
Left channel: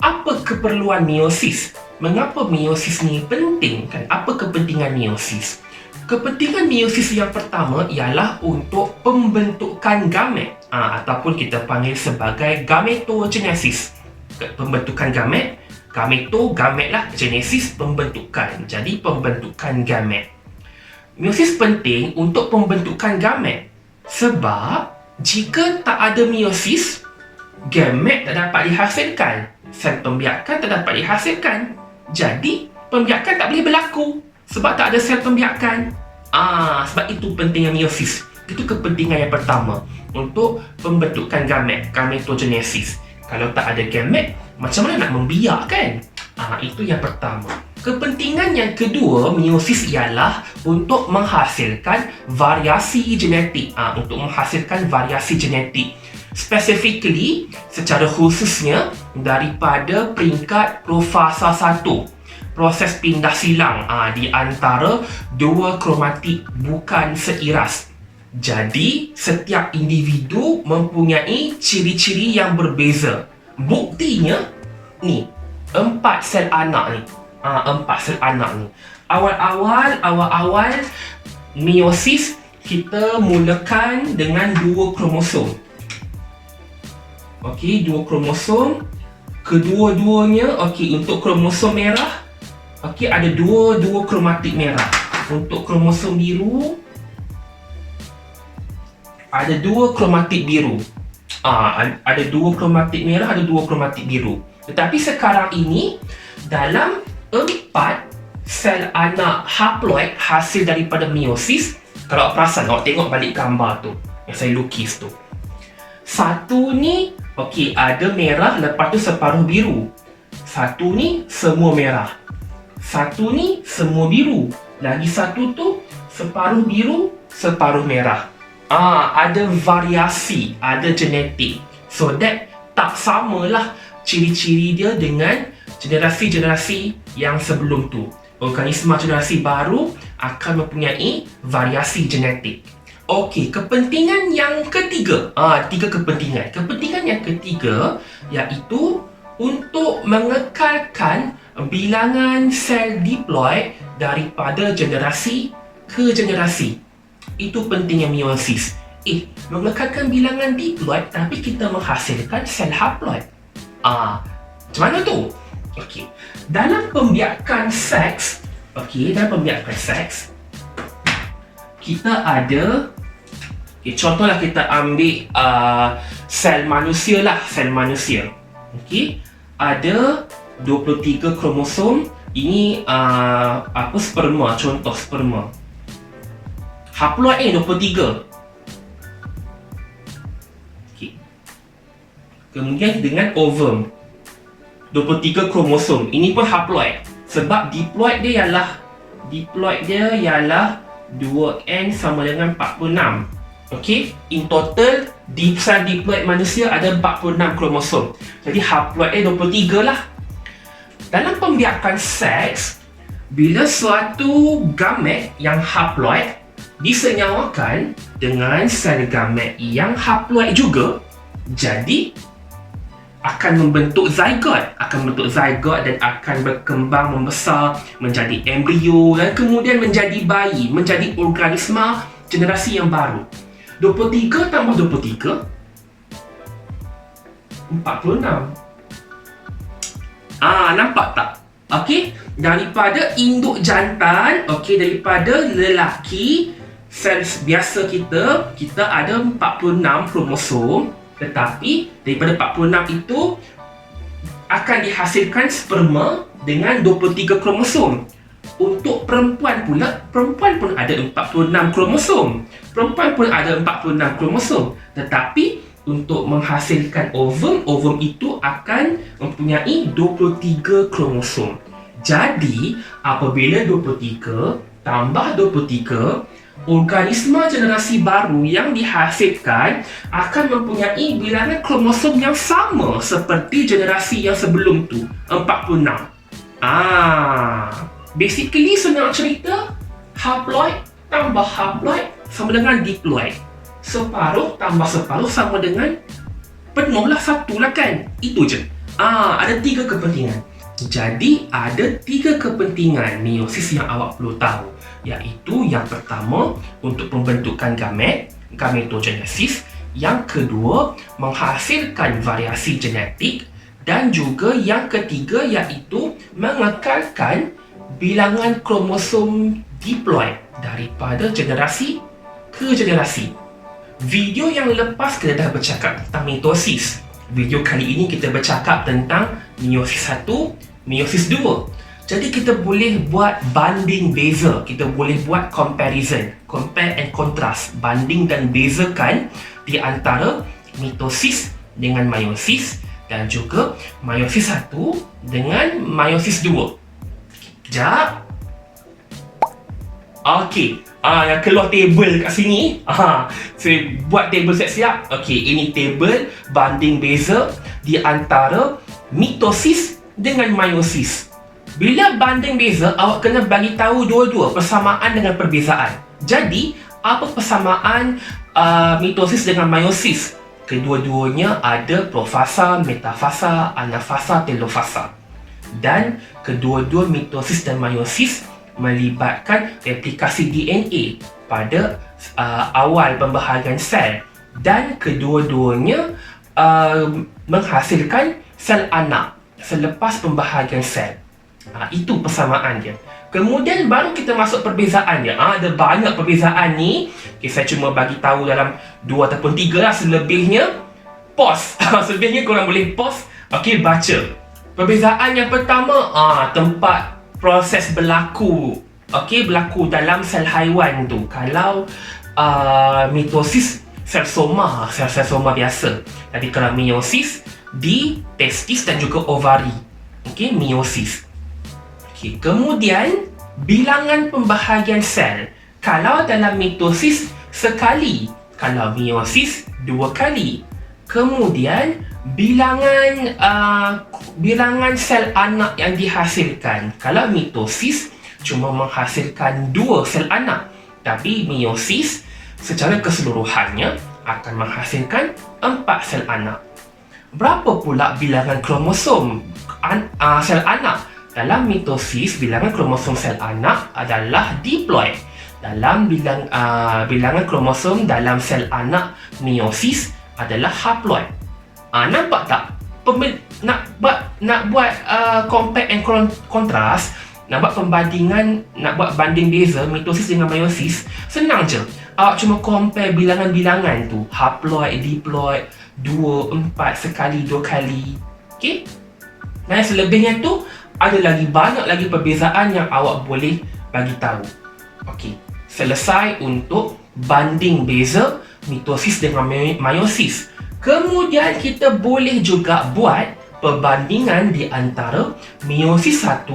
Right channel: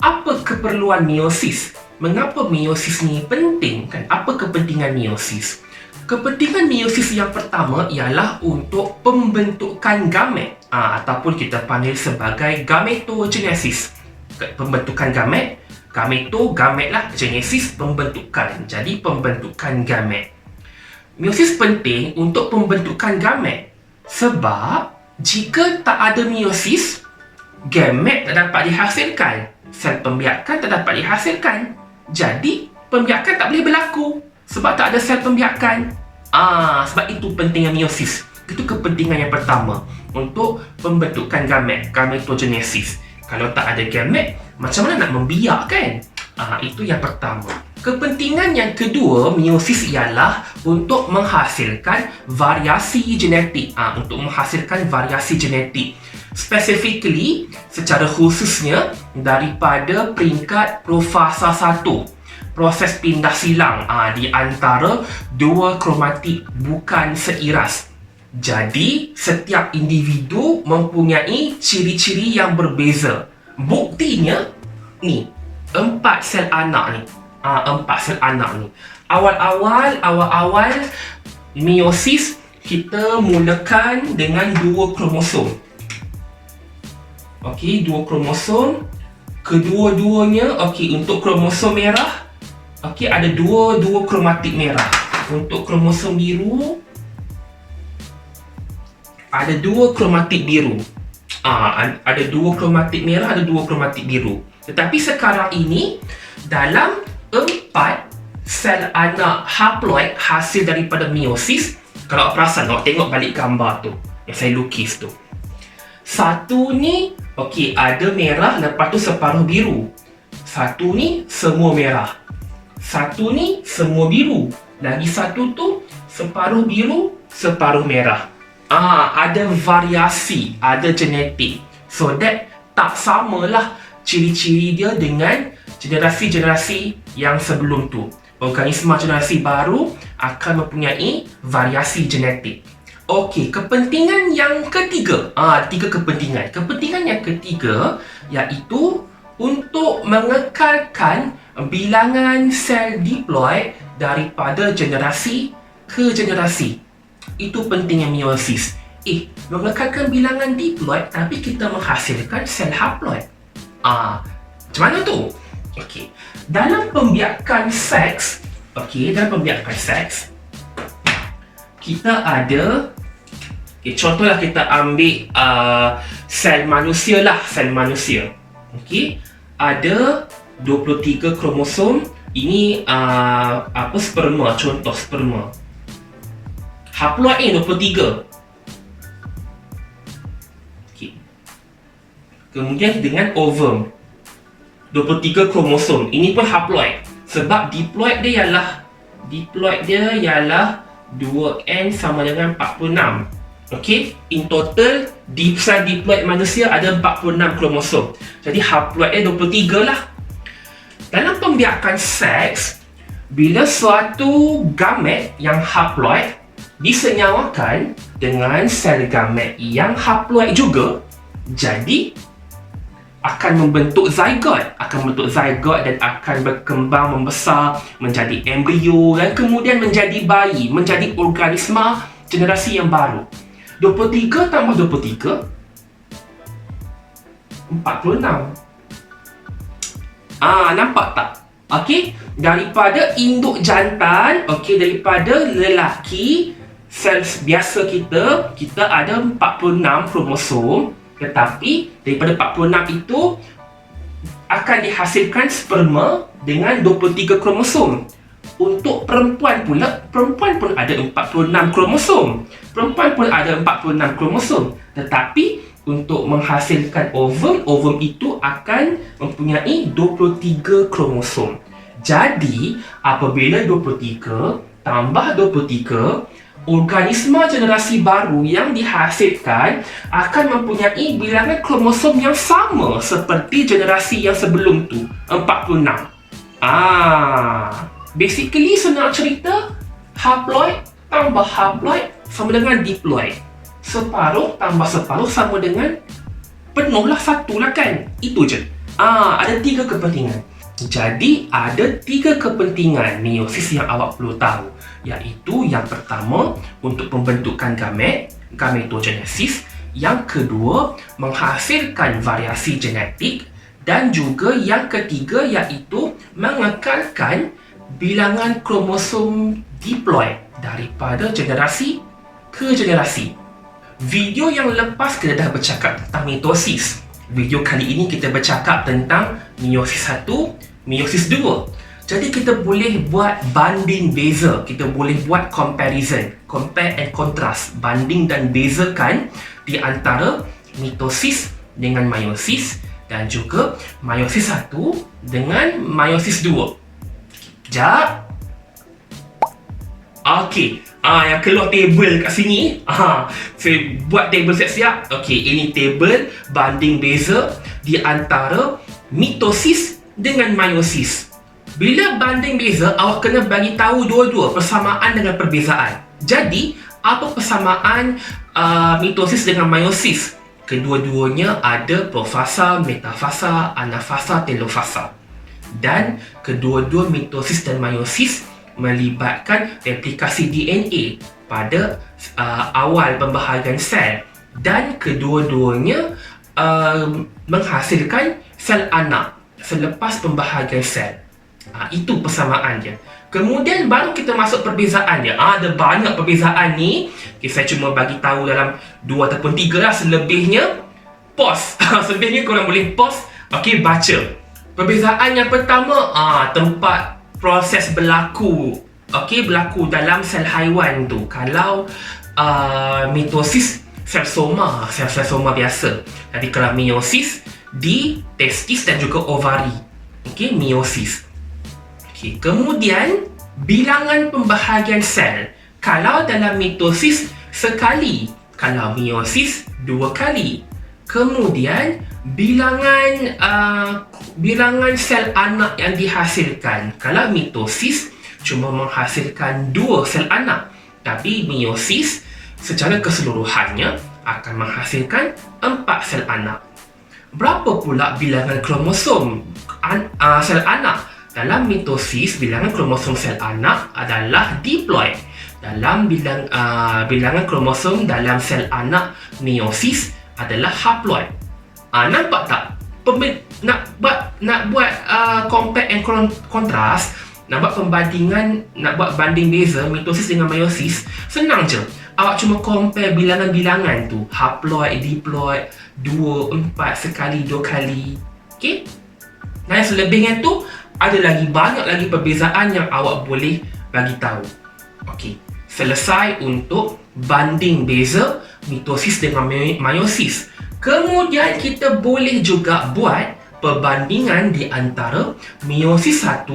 apa keperluan meiosis? Mengapa meiosis ni penting kan? Apa kepentingan meiosis? Kepentingan meiosis yang pertama ialah untuk pembentukan gamet, ataupun kita panggil sebagai gametogenesis. Pembentukan gamet, gamet lah, genesis, pembentukan. Jadi pembentukan gamet. Meiosis penting untuk pembentukan gamet sebab jika tak ada meiosis, gamet tak dapat dihasilkan, sel pembiakan tak dapat dihasilkan. Jadi pembiakan tak boleh berlaku sebab tak ada sel pembiakan. Sebab itu pentingnya meiosis. Itu kepentingan yang pertama untuk pembentukan gamet, gametogenesis. Kalau tak ada gamet, macam mana nak membiak kan? Itu yang pertama. Kepentingan yang kedua meiosis ialah untuk menghasilkan variasi genetik. Specifically, secara khususnya daripada peringkat profasa 1, proses pindah silang di antara 2 kromatik bukan seiras. Jadi, setiap individu mempunyai ciri-ciri yang berbeza. Buktinya, ni, 4 sel anak ni. 4 sel anak ni. Awal-awal meiosis, kita mulakan dengan 2 kromosom. Okey, 2 kromosom. Kedua-duanya, okey, untuk kromosom merah, okey, ada dua kromatik merah. Untuk kromosom biru, ada dua kromatik biru. Ada dua kromatik merah, ada dua kromatik biru. Tetapi sekarang ini, dalam 4 sel anak haploid hasil daripada meiosis, kalau perasan, awak tengok balik gambar tu yang saya lukis tu. Satu ni, okey, ada merah, lepas tu separuh biru. Satu ni semua merah. Satu ni semua biru. Lagi satu tu separuh biru, separuh merah. Ada variasi, ada genetik. So that tak samalah ciri-ciri dia dengan generasi-generasi yang sebelum tu. Organisma generasi baru akan mempunyai variasi genetik. Okey, kepentingan yang ketiga. 3 kepentingan. Kepentingan yang ketiga iaitu untuk mengekalkan bilangan sel diploid daripada generasi ke generasi. Itu pentingnya meiosis. Mengekalkan bilangan diploid tapi kita menghasilkan sel haploid. Macam mana tu? Okey. Dalam pembiakan seks, kita ada, contohlah kita ambil sel manusia lah, Okey. Ada 23 kromosom. Ini sperma, contoh sperma. Haploid 23. Okey. Kemudian dengan ovum 23 kromosom. Ini pun haploid. Sebab diploid dia ialah 2n sama dengan 46. Okey, in total sel diploid manusia ada 46 kromosom. Jadi haploid dia 23 lah. Dalam pembiakan seks, bila suatu gamet yang haploid disenyawakan dengan sel gamet yang haploid juga, jadi akan membentuk zygot, dan akan berkembang membesar menjadi embrio dan kemudian menjadi bayi, menjadi organisma generasi yang baru. 23 tambah 23 46. Nampak tak? Okey, daripada induk jantan, daripada lelaki, sel biasa kita ada 46 kromosom. Tetapi daripada 46 itu akan dihasilkan sperma dengan 23 kromosom. Untuk perempuan pula, perempuan pun ada 46 kromosom. Tetapi untuk menghasilkan ovum itu akan mempunyai 23 kromosom. Jadi, apabila 23 tambah 23, organisma generasi baru yang dihasilkan akan mempunyai bilangan kromosom yang sama seperti generasi yang sebelum tu, 46. Basically senang cerita, haploid tambah haploid sama dengan diploid. Separuh tambah separuh sama dengan penuh lah, satu lah kan. Itu je. Ada 3 kepentingan. Jadi ada 3 kepentingan meiosis yang awak perlu tahu, iaitu yang pertama untuk pembentukan gametogenesis, yang kedua menghasilkan variasi genetik, dan juga yang ketiga iaitu mengekalkan bilangan kromosom diploid daripada generasi ke generasi. Video yang lepas kita dah bercakap tentang mitosis. Video kali ini kita bercakap tentang meiosis 1, meiosis 2. Jadi kita boleh buat banding beza, kita boleh buat comparison, compare and contrast, banding dan bezakan di antara mitosis dengan meiosis dan juga meiosis 1 dengan meiosis 2. Sekejap. Okey, yang keluar table kat sini. Saya buat table siap-siap. Okey, ini table banding beza di antara mitosis dengan meiosis. Bila banding beza, awak kena bagi tahu dua-dua persamaan dengan perbezaan. Jadi, apa persamaan mitosis dengan meiosis? Kedua-duanya ada profasa, metafasa, anafasa, telofasa. Dan kedua-dua mitosis dan meiosis melibatkan replikasi DNA pada awal pembahagian sel, dan kedua-duanya menghasilkan sel anak selepas pembahagian sel. Itu persamaan dia. Kemudian baru kita masuk perbezaan dia. Ada banyak perbezaan ni. Okay, saya cuma bagi tahu dalam 2 ataupun 3 lah. Selebihnya pause. Selebihnya korang boleh pause. Okey, baca. Perbezaan yang pertama, tempat proses berlaku. Okey, berlaku dalam sel haiwan tu. Kalau mitosis, sel soma biasa. Tapi kalau meiosis, di testis dan juga ovari. Okey, meiosis. Okay. Kemudian, bilangan pembahagian sel. Kalau dalam mitosis, sekali. Kalau meiosis, 2 kali. Kemudian, bilangan sel anak yang dihasilkan. Kalau mitosis, cuma menghasilkan 2 sel anak. Tapi meiosis, secara keseluruhannya, akan menghasilkan 4 sel anak. Berapa pula bilangan kromosom sel anak? Dalam mitosis, bilangan kromosom sel anak adalah diploid. Dalam bilangan kromosom dalam sel anak meiosis adalah haploid. Nampak tak? Nak buat compare and contrast, nak buat pembandingan, nak buat banding beza mitosis dengan meiosis, senang je. Awak cuma compare bilangan-bilangan tu. Haploid, diploid, 2, 4, sekali, 2 kali. Okay? Dan selebihnya tu, ada lagi banyak lagi perbezaan yang awak boleh bagi tahu. Okey, selesai untuk banding beza mitosis dengan meiosis. Kemudian kita boleh juga buat perbandingan di antara meiosis 1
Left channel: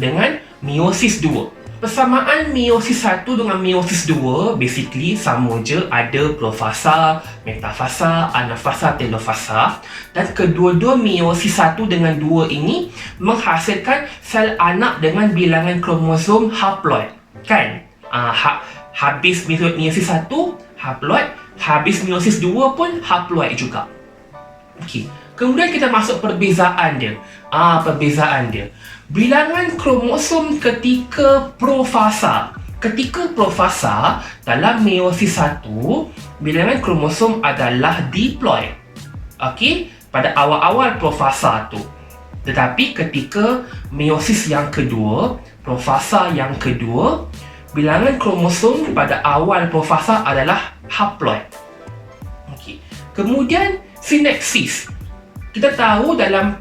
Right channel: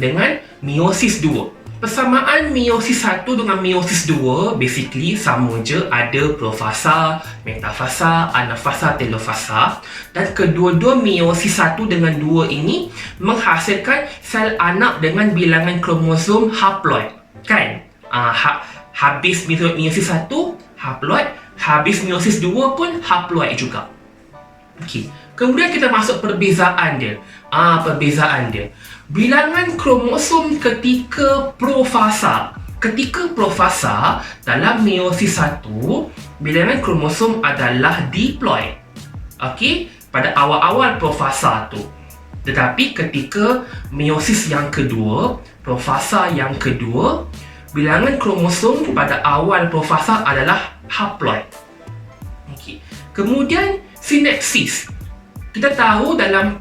dengan meiosis 2. Persamaan meiosis 1 dengan meiosis 2 basically sama je, ada profasa, metafasa, anafasa, telofasa, dan kedua-dua meiosis 1 dengan 2 ini menghasilkan sel anak dengan bilangan kromosom haploid, kan? Habis meiosis 1 haploid, habis meiosis 2 pun haploid juga. Okey. Kemudian kita masuk perbezaan dia. Perbezaan dia. Bilangan kromosom ketika profasa. Ketika profasa, dalam meiosis 1, bilangan kromosom adalah diploid. Okey, pada awal-awal profasa tu. Tetapi ketika meiosis yang kedua, profasa yang kedua, bilangan kromosom pada awal profasa adalah haploid. Okey. Kemudian sineksis. Kita tahu dalam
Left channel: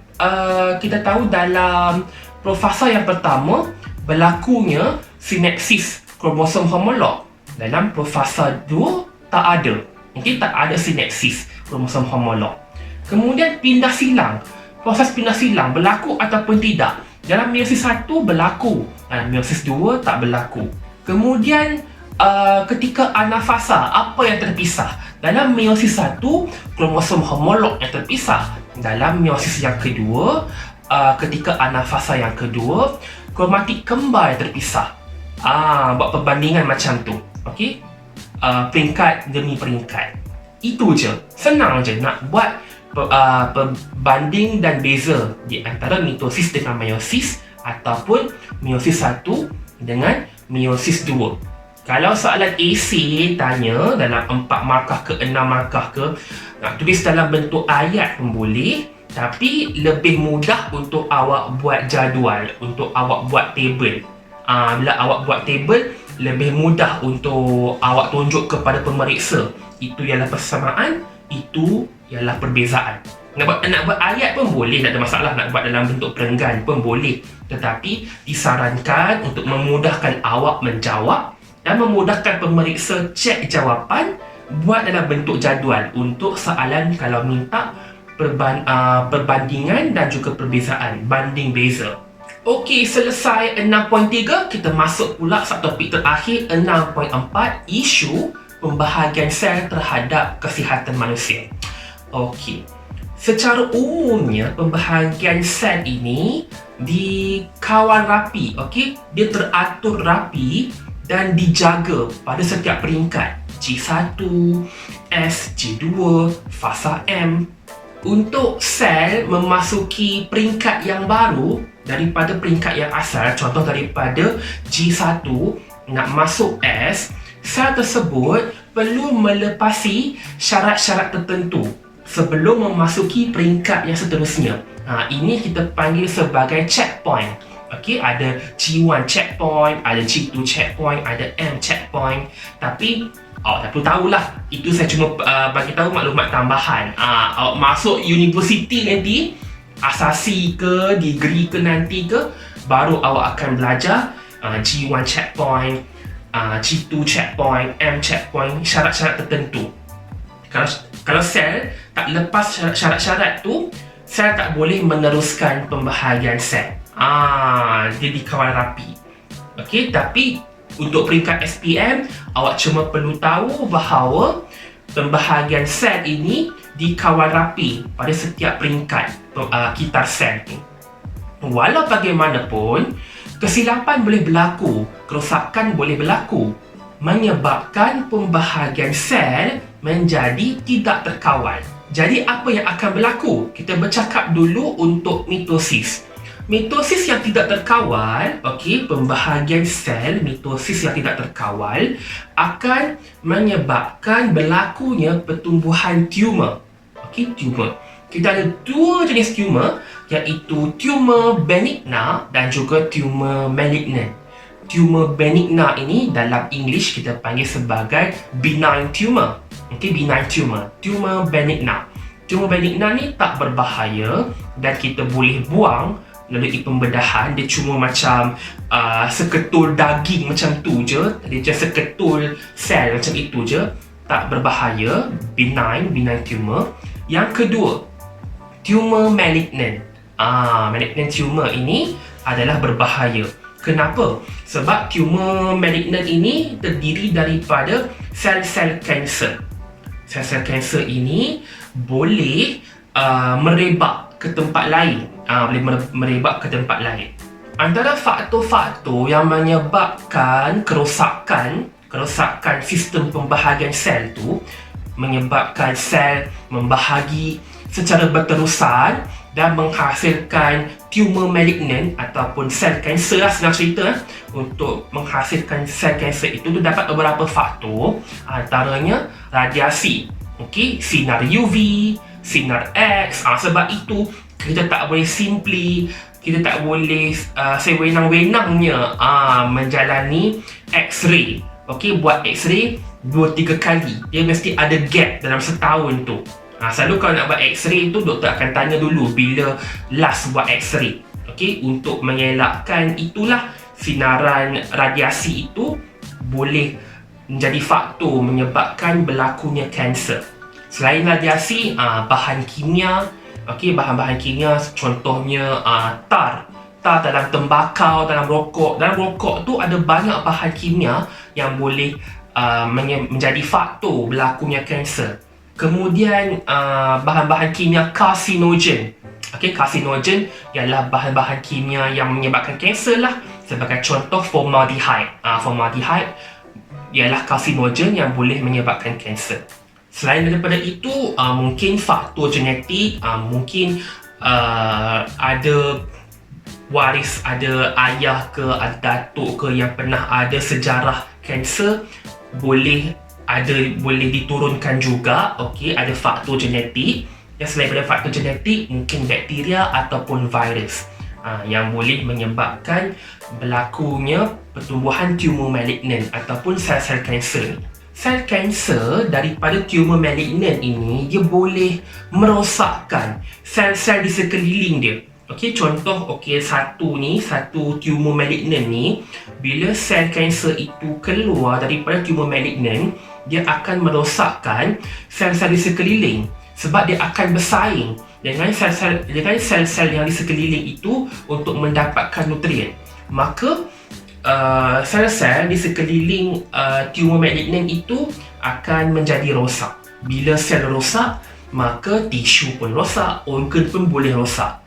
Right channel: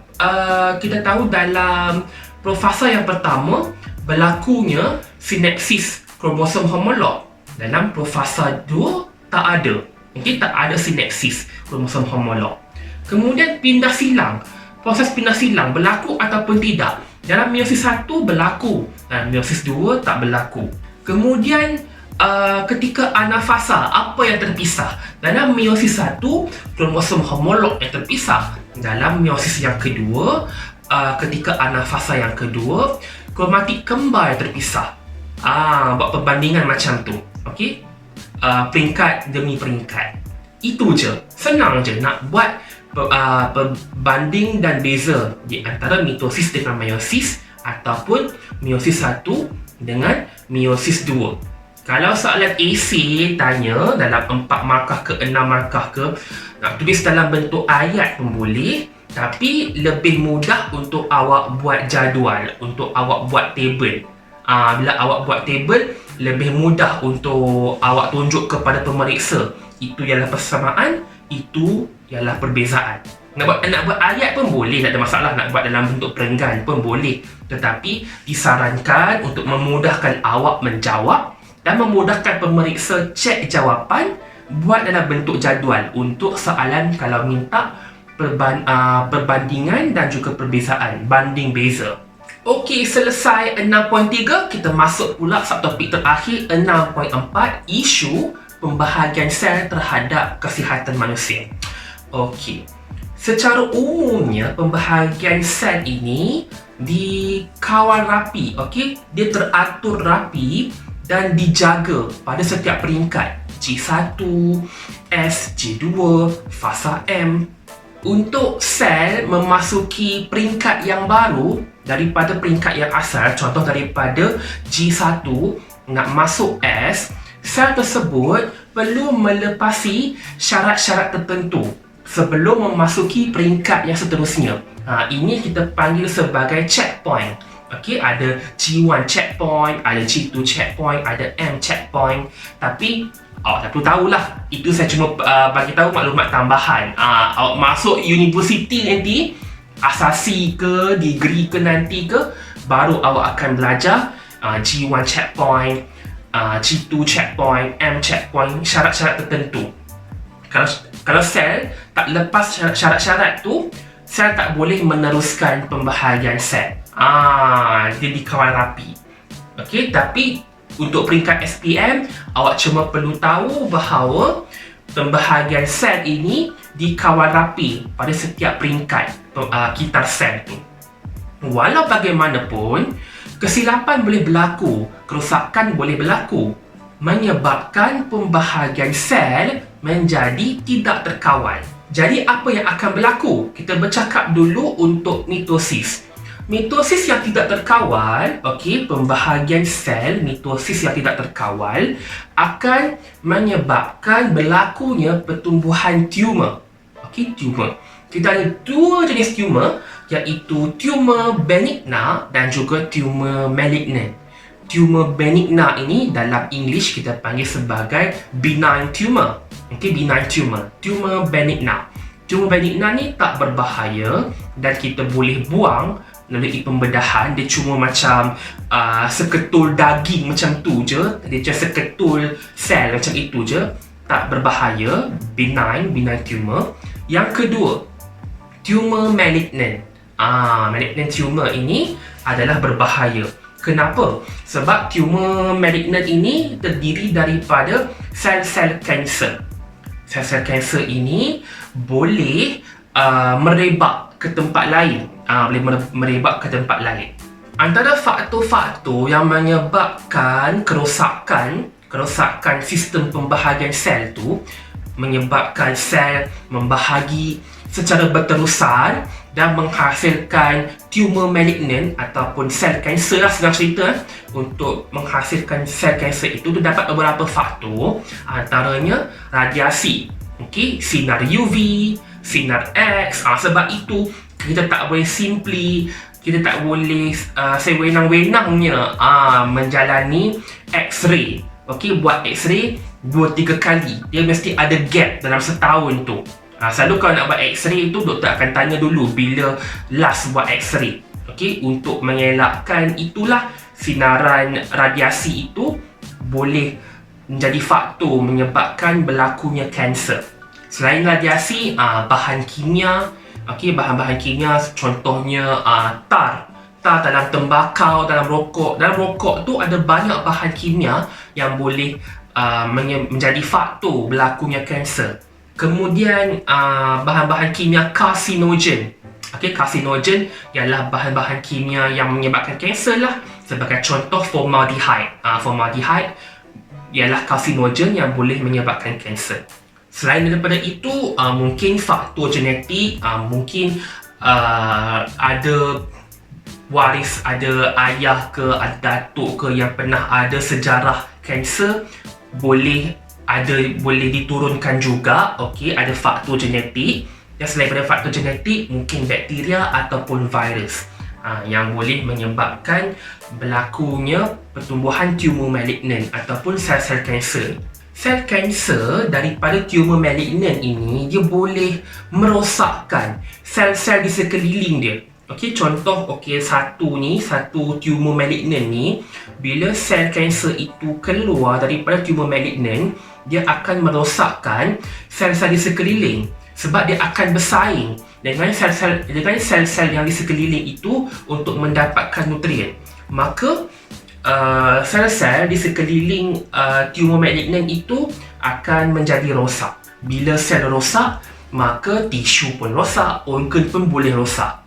profasa yang pertama berlakunya sineksis kromosom homolog. Dalam profasa 2 tak ada. Okey, tak ada sineksis kromosom homolog. Kemudian pindah silang. Proses pindah silang berlaku ataupun tidak. Dalam meiosis 1 berlaku, meiosis 2 tak berlaku. Kemudian ketika anafasa, apa yang terpisah? Dalam meiosis 1, kromosom homolog yang terpisah. Dalam meiosis yang kedua, ketika anafasa yang kedua, kromatik kembar yang terpisah. Buat perbandingan macam tu. Okey? Peringkat demi peringkat. Itu je. Senang je nak buat perbanding dan beza di antara mitosis dengan meiosis ataupun meiosis 1 dengan meiosis 2. Kalau soalan AC tanya dalam 4 markah ke 6 markah ke, nak tulis dalam bentuk ayat pun boleh, tapi lebih mudah untuk awak buat jadual, untuk awak buat table. Bila awak buat table, lebih mudah untuk awak tunjuk kepada pemeriksa. Itu ialah persamaan, itu ialah perbezaan. Nak buat ayat pun boleh, tak ada masalah. Nak buat dalam bentuk perenggan pun boleh. Tetapi disarankan untuk memudahkan awak menjawab dan memudahkan pemeriksa cek jawapan, buat dalam bentuk jadual untuk soalan kalau minta perbandingan dan juga perbezaan, banding beza. Okey, selesai 6.3, kita masuk pula subtopik terakhir 6.4, isu pembahagian sel terhadap kesihatan manusia. Okey. Secara umumnya, pembahagian sel ini dikawal rapi, okey? Dia teratur rapi dan dijaga pada setiap peringkat. G1, S, G2, fasa M. Untuk sel memasuki peringkat yang baru daripada peringkat yang asal, contoh daripada G1 nak masuk S, sel tersebut perlu melepasi syarat-syarat tertentu sebelum memasuki peringkat yang seterusnya. Ini kita panggil sebagai checkpoint. Okey, ada G1 checkpoint, ada G2 checkpoint, ada M checkpoint. Tapi awak tak perlu tahulah. Itu saya cuma bagi tahu maklumat tambahan. Awak masuk universiti nanti, asasi ke, degree ke nanti ke, baru awak akan belajar G1 checkpoint, G2 checkpoint, M checkpoint, syarat-syarat tertentu. Kalau sel tak lepas syarat-syarat tu, sel tak boleh meneruskan pembahagian sel. Dia dikawal rapi. Okey, tapi untuk peringkat SPM, awak cuma perlu tahu bahawa pembahagian sel ini dikawal rapi pada setiap peringkat kitar sel tu. Walau bagaimanapun, kesilapan boleh berlaku, kerosakan boleh berlaku, menyebabkan pembahagian sel menjadi tidak terkawal. Jadi apa yang akan berlaku? Kita bercakap dulu untuk mitosis. Mitosis yang tidak terkawal, okey, pembahagian sel mitosis yang tidak terkawal akan menyebabkan berlakunya pertumbuhan tumor. Okey, tumor. Kita ada dua jenis tumor, iaitu tumor benigna dan juga tumor malignant. Tumor benigna ini dalam English kita panggil sebagai benign tumor. Okey, benign tumor. Tumor benigna. Tumor benigna ni tak berbahaya dan kita boleh buang melalui pembedahan. Dia cuma macam seketul daging macam tu je. Dia just seketul sel macam itu je. Tak berbahaya. Benign tumor. Yang kedua, tumor malignant. Malignant tumor ini adalah berbahaya. Kenapa? Sebab tumor malignant ini terdiri daripada sel-sel kanser. Sel-sel kanser ini boleh merebak ke tempat lain. Boleh merebak ke tempat lain. Antara faktor-faktor yang menyebabkan kerosakan sistem pembahagian sel tu, menyebabkan sel membahagi secara berterusan dan menghasilkan tumor malignant ataupun sel kanser lah, senang cerita. Untuk menghasilkan sel kanser itu terdapat beberapa faktor, antaranya radiasi, okey, sinar UV, sinar X. Sebab itu kita tak boleh kita tak boleh sewenang-wenangnya menjalani X-ray. Okey, buat X-ray 2-3 kali. Dia mesti ada gap dalam setahun tu. Selalu kalau nak buat X-ray tu, doktor akan tanya dulu bila last buat X-ray. Okey, untuk mengelakkan itulah sinaran radiasi itu boleh menjadi faktor menyebabkan berlakunya kanser. Selain radiasi, bahan kimia, okey, bahan-bahan kimia contohnya tar dalam tembakau, dalam rokok. Dalam rokok tu ada banyak bahan kimia yang boleh menjadi faktor berlakunya kanser. Kemudian bahan-bahan kimia karsinogen. Okey, karsinogen ialah bahan-bahan kimia yang menyebabkan kanser lah. Sebagai contoh, formaldehyde. Formaldehyde ialah karsinogen yang boleh menyebabkan kanser. Selain daripada itu, mungkin faktor genetik, mungkin ada waris, ada ayah ke, ada datuk ke yang pernah ada sejarah kanser, boleh diturunkan juga. Okey, ada faktor genetik. Dan selain daripada faktor genetik, mungkin bakteria ataupun virus yang boleh menyebabkan berlakunya pertumbuhan tumor malignant ataupun sel-sel kanser. Sel kanser daripada tumor malignant ini, dia boleh merosakkan sel-sel di sekeliling dia. Okey, contoh satu tumor malignant ni, bila sel kanser itu keluar daripada tumor malignant, dia akan merosakkan sel-sel di sekeliling sebab dia akan bersaing dengan sel-sel yang di sekeliling itu untuk mendapatkan nutrien. Maka sel-sel di sekeliling tumor malignant itu akan menjadi rosak. Bila sel rosak, maka tisu pun rosak, organ pun boleh rosak.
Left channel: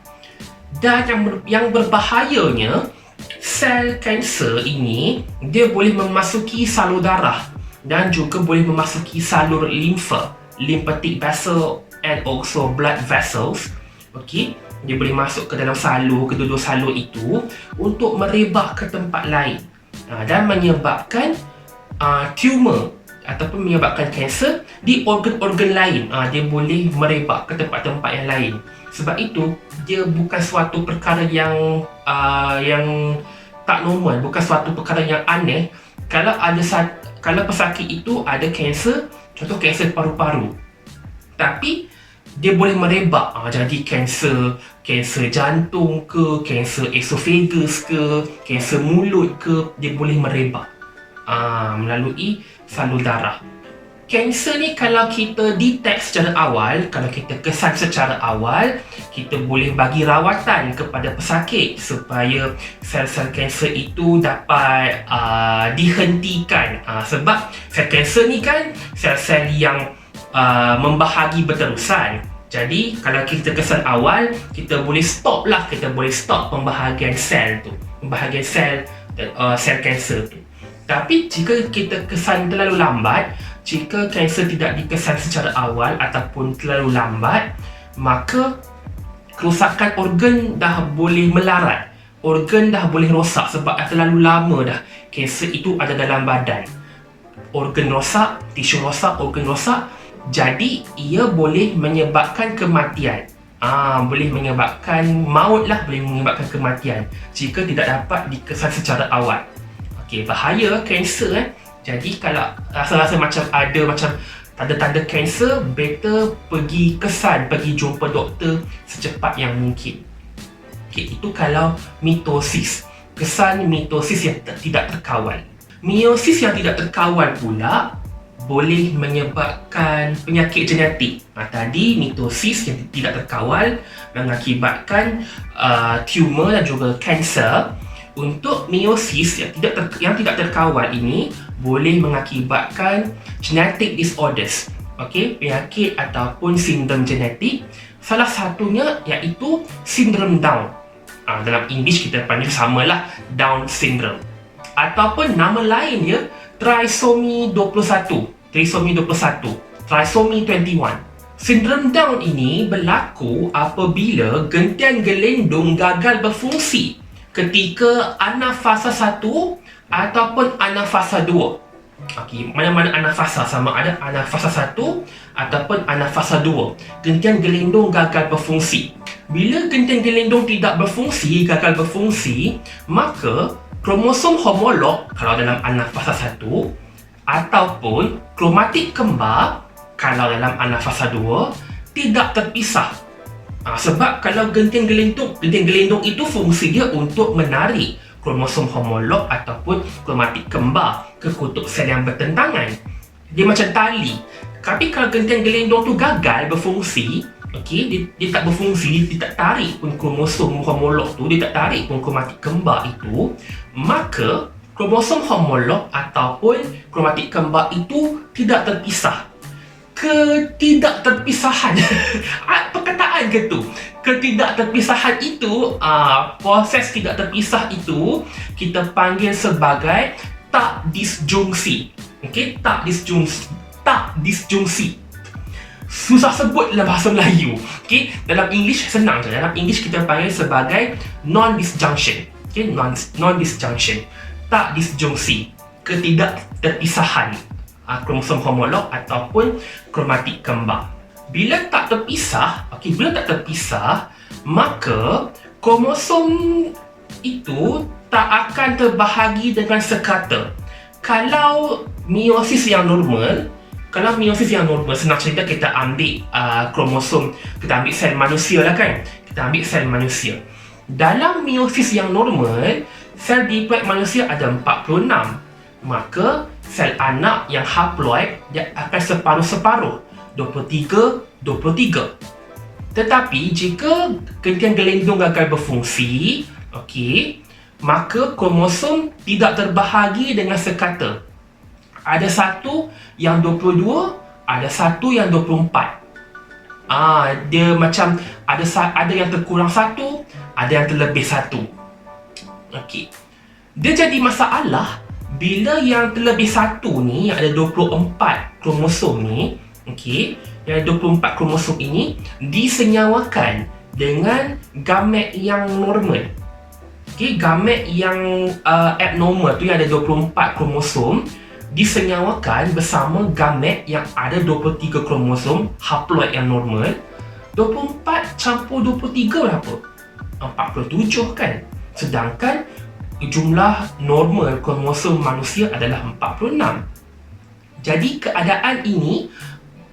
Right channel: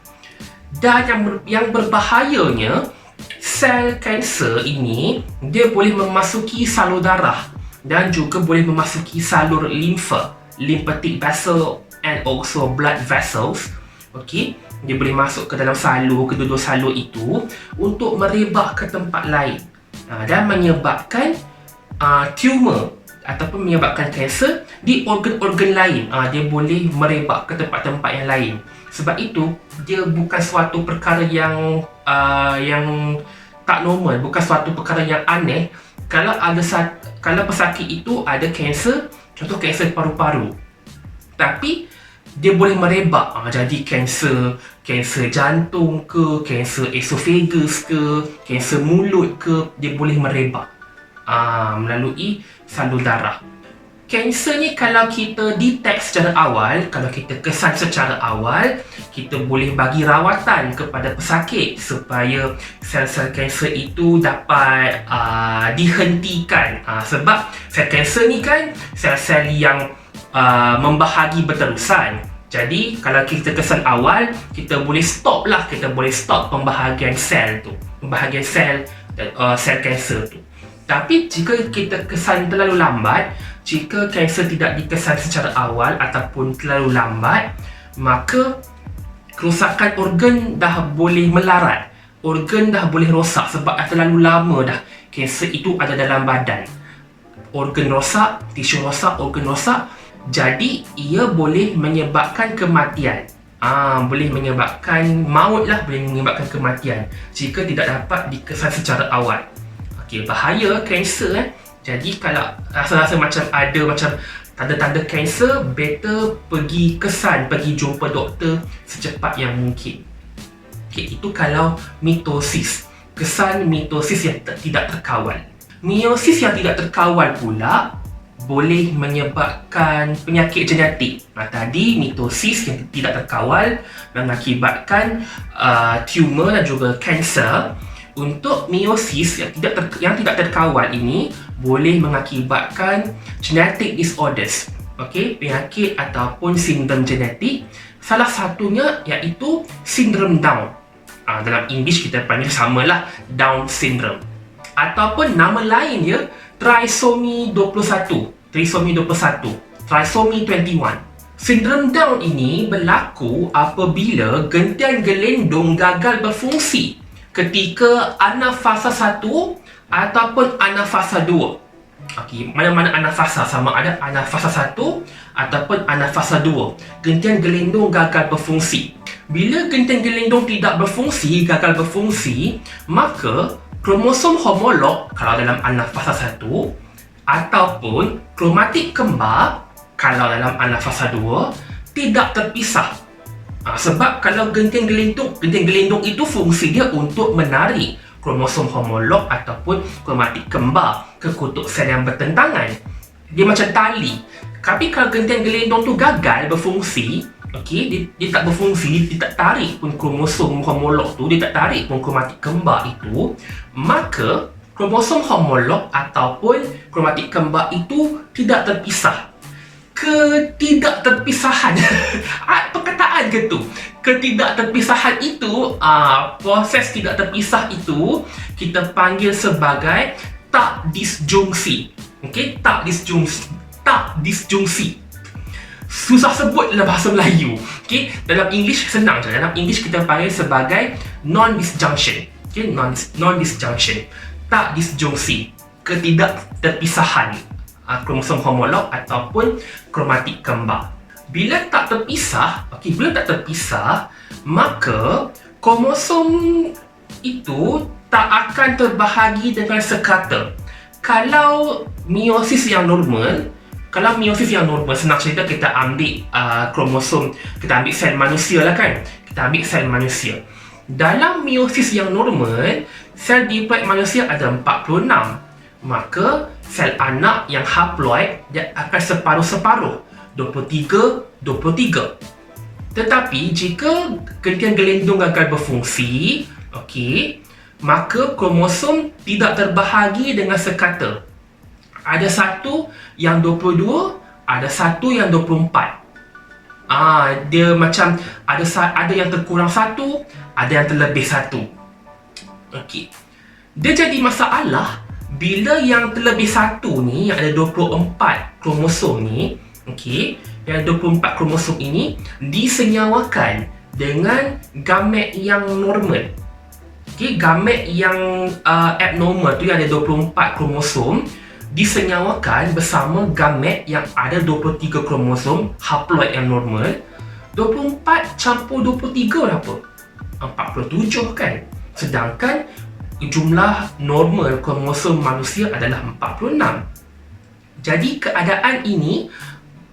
Dan yang berbahayanya, sel kanser ini dia boleh memasuki salur darah dan juga boleh memasuki salur limfa, lymphatic vessel and also blood vessels. Okey, dia boleh masuk ke dalam salur, kedua-dua salur itu untuk merebak ke tempat lain dan menyebabkan tumor ataupun menyebabkan kanser di organ-organ lain. Dia boleh merebak ke tempat-tempat yang lain. Sebab itu, dia bukan suatu perkara yang tak normal, bukan suatu perkara yang aneh kalau pesakit itu ada kanser, contoh kanser paru-paru. Tapi dia boleh merebak, jadi kanser jantung ke, kanser esophagus ke, kanser mulut ke, dia boleh merebak melalui salur darah. Kanser ni kalau kita detect secara awal, kalau kita kesan secara awal, kita boleh bagi rawatan kepada pesakit supaya sel-sel kanser itu dapat dihentikan. Sebab sel kanser ni kan sel-sel yang membahagi berterusan. Jadi kalau kita kesan awal, kita boleh stop pembahagian sel tu, pembahagian sel kanser tu. Tapi jika kita kesan terlalu lambat, jika kanser tidak dikesan secara awal ataupun terlalu lambat, maka kerosakan organ dah boleh melarat, organ dah boleh rosak sebab terlalu lama dah kanser itu ada dalam badan. Organ rosak, tisu rosak, organ rosak, jadi ia boleh menyebabkan kematian. Boleh menyebabkan maut lah, boleh menyebabkan kematian jika tidak dapat dikesan secara awal. Bahaya kanser. Jadi kalau rasa-rasa macam ada tanda-tanda kanser, better pergi jumpa doktor secepat yang mungkin. Itu kalau mitosis, kesan mitosis yang tidak terkawal. Meiosis yang tidak terkawal pula boleh menyebabkan penyakit genetik. Tadi mitosis yang tidak terkawal mengakibatkan tumor dan juga kanser. Untuk meiosis yang tidak terkawal ini boleh mengakibatkan genetic disorders, penyakit ataupun sindrom genetik. Salah satunya iaitu sindrom Down. Dalam English kita panggil samalah Down syndrome, ataupun nama lainnya trisomy 21, trisomy 21. Sindrom Down ini berlaku apabila gentian gelendong gagal berfungsi ketika anafasa 1 ataupun anafasa 2. Mana-mana anafasa, sama ada anafasa 1 ataupun anafasa 2. Gentian gelendong gagal berfungsi. Bila gentian gelendong tidak berfungsi, gagal berfungsi, maka kromosom homolog kalau dalam anafasa 1 ataupun kromatik kembar kalau dalam anafasa 2 tidak terpisah. Sebab kalau gentian gelendong itu fungsi dia untuk menarik kromosom homolog ataupun kromatik kembar ke kutub sel yang bertentangan. Dia macam tali. Tapi kalau gentian gelendong tu gagal berfungsi, dia tak berfungsi, dia tak tarik pun kromosom homolog tu, dia tak tarik pun kromatik kembar itu, maka kromosom homolog ataupun kromatik kembar itu tidak terpisah. Ketidakterpisahan perkataan ke tu? Ketidakterpisahan itu, proses tidak terpisah itu kita panggil sebagai tak disjungsi. Tak disjungsi. Susah sebut dalam bahasa Melayu. Dalam English senang je. Dalam English kita panggil sebagai non-disjunction. Non-disjunction. Tak disjungsi. Ketidakterpisahan kromosom homolog ataupun kromatik kembar. Bila tak terpisah, maka kromosom itu tak akan terbahagi dengan sekata. Kalau meiosis yang normal, senang cerita kita ambil kromosom, kita ambil sel manusia lah kan. Kita ambil sel manusia. Dalam meiosis yang normal, sel diploid manusia ada 46. Maka sel anak yang haploid dia akan separuh-separuh, 23. Tetapi jika gentian gelendong gagal berfungsi, maka kromosom tidak terbahagi dengan sekata. Ada satu yang 22, ada satu yang 24. Dia macam ada yang terkurang satu, ada yang terlebih satu. Dia jadi masalah bila yang terlebih satu ni, yang ada 24 kromosom ni, yang 24 kromosom ini disenyawakan dengan gamet yang normal. Gamet yang abnormal tu yang ada 24 kromosom disenyawakan bersama gamet yang ada 23 kromosom haploid yang normal. 24 campur 23 berapa? 47 kan? Sedangkan jumlah normal kromosom manusia adalah 46. Jadi keadaan ini,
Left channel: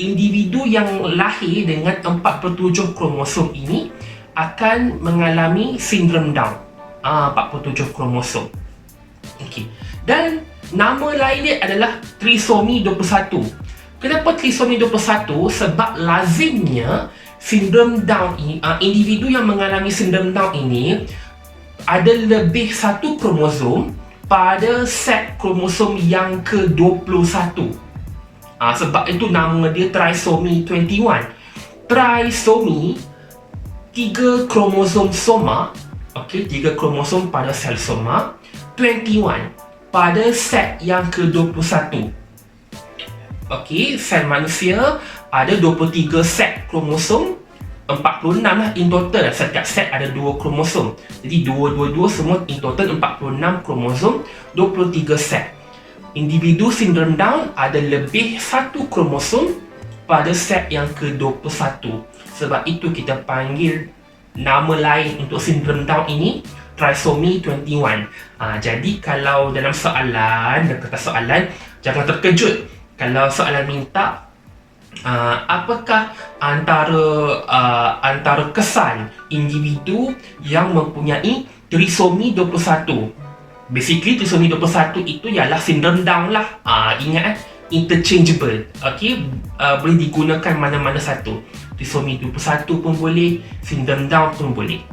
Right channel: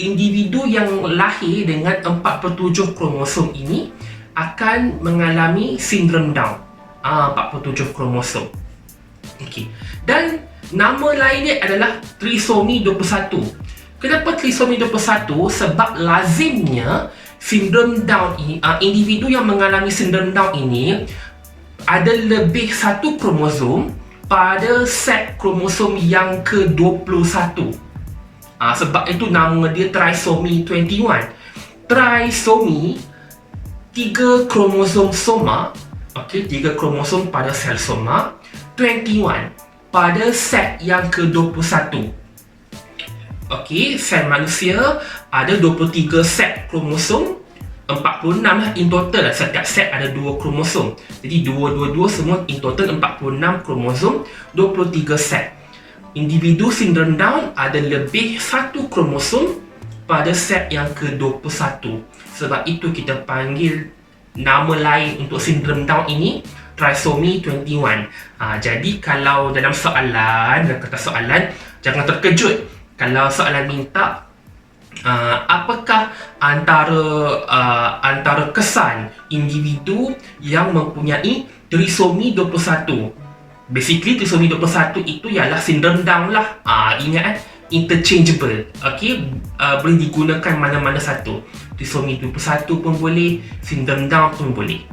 individu yang lahir dengan 47 kromosom ini akan mengalami sindrom Down. 47 kromosom. Okey. Dan nama lain dia adalah trisomi 21. Kenapa trisomi 21? Sebab lazimnya sindrom Down ini, individu yang mengalami sindrom Down ini ada lebih satu kromosom pada set kromosom yang ke-21. Sebab itu nama dia trisomi 21. Trisomi, 3 kromosom soma, okey, 3 kromosom pada sel soma, 21 pada set yang ke-21. Okey, sel manusia ada 23 set kromosom, 46 lah in total. Setiap set ada 2 kromosom. Jadi 2 semua in total 46 kromosom, 23 set. Individu sindrom Down ada lebih satu kromosom pada set yang ke-21. Sebab itu kita panggil nama lain untuk sindrom Down ini trisomi 21. Jadi kalau dalam kertas soalan, jangan terkejut kalau soalan minta apakah antara kesan individu yang mempunyai trisomi 21. Basically trisomi 21 itu ialah sindrom Down lah. Ingat interchangeable. Okey, boleh digunakan mana-mana satu. Trisomi 21 pun boleh, sindrom Down pun boleh.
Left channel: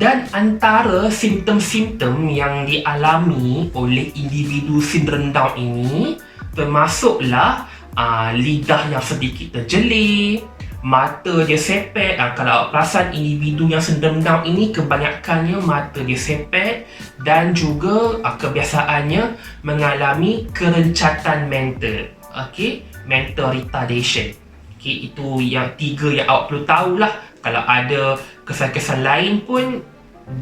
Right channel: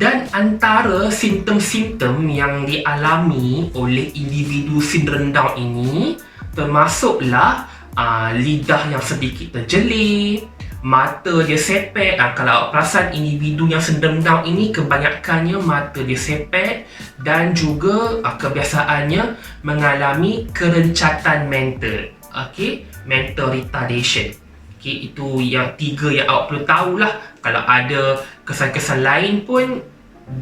Dan antara simptom-simptom yang dialami oleh individu sindrom Down ini termasuklah lidah yang sedikit terjelir, mata dia sepet. Kalau perasan individu yang sindrom Down ini kebanyakannya mata dia sepet, dan juga kebiasaannya mengalami kerencatan mental. Okey, mental retardation. Okey, itu yang 3 yang awak perlu tahulah. Kalau ada kesan-kesan lain pun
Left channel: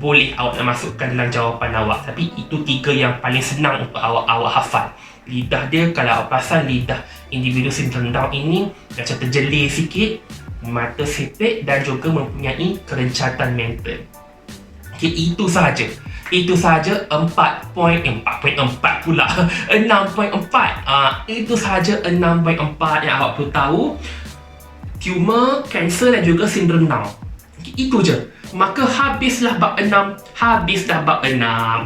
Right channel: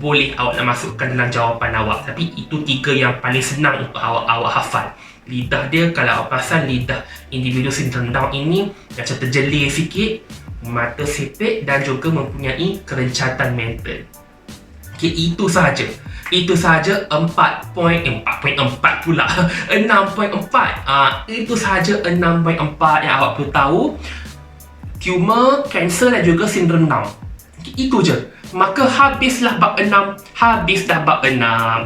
boleh awak nak masukkan dalam jawapan awak. Tapi itu 3 yang paling senang untuk awak hafal. Lidah dia, kalau awak perasan lidah individu sindrom Down ini macam terjelir sikit, mata sepet, dan juga mempunyai kerencatan mental. Okay, itu sahaja. Itu sahaja 4.4 pula 6.4. Itu sahaja 6.4 yang awak perlu tahu. Tumor, kanser dan juga sindrom Down. Okay, itu je. Maka habislah bab 6. Habislah bab 6.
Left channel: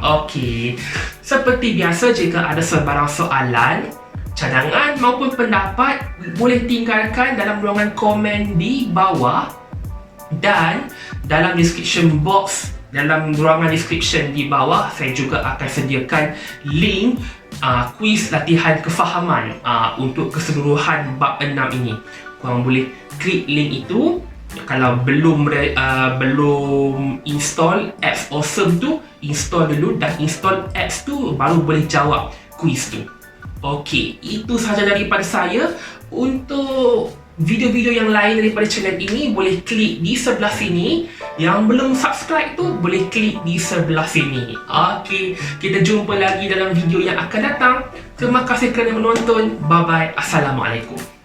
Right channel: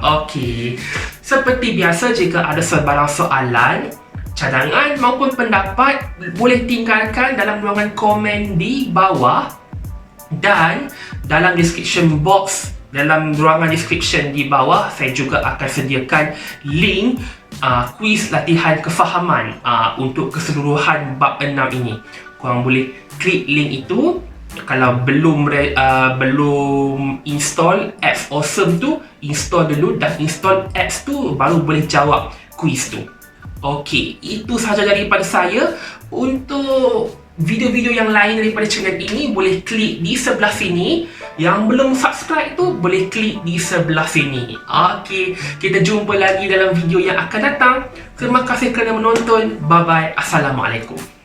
Okey. Seperti biasa, jika ada sebarang soalan, cadangan maupun pendapat, boleh tinggalkan dalam ruangan komen di bawah. Dan dalam description box, dalam ruangan description di bawah, saya juga akan sediakan link kuis latihan kefahaman untuk keseluruhan bab 6 ini. Korang boleh klik link itu. Kalau belum install apps Awesome tu, install dulu, dan install apps tu baru boleh jawab kuis tu. Okey, itu sahaja daripada saya. Untuk video-video yang lain daripada channel ini, boleh klik di sebelah sini. Yang belum subscribe tu, boleh klik di sebelah sini. Okey, kita jumpa lagi dalam video yang akan datang. Terima kasih kerana menonton. Bye-bye. Assalamualaikum.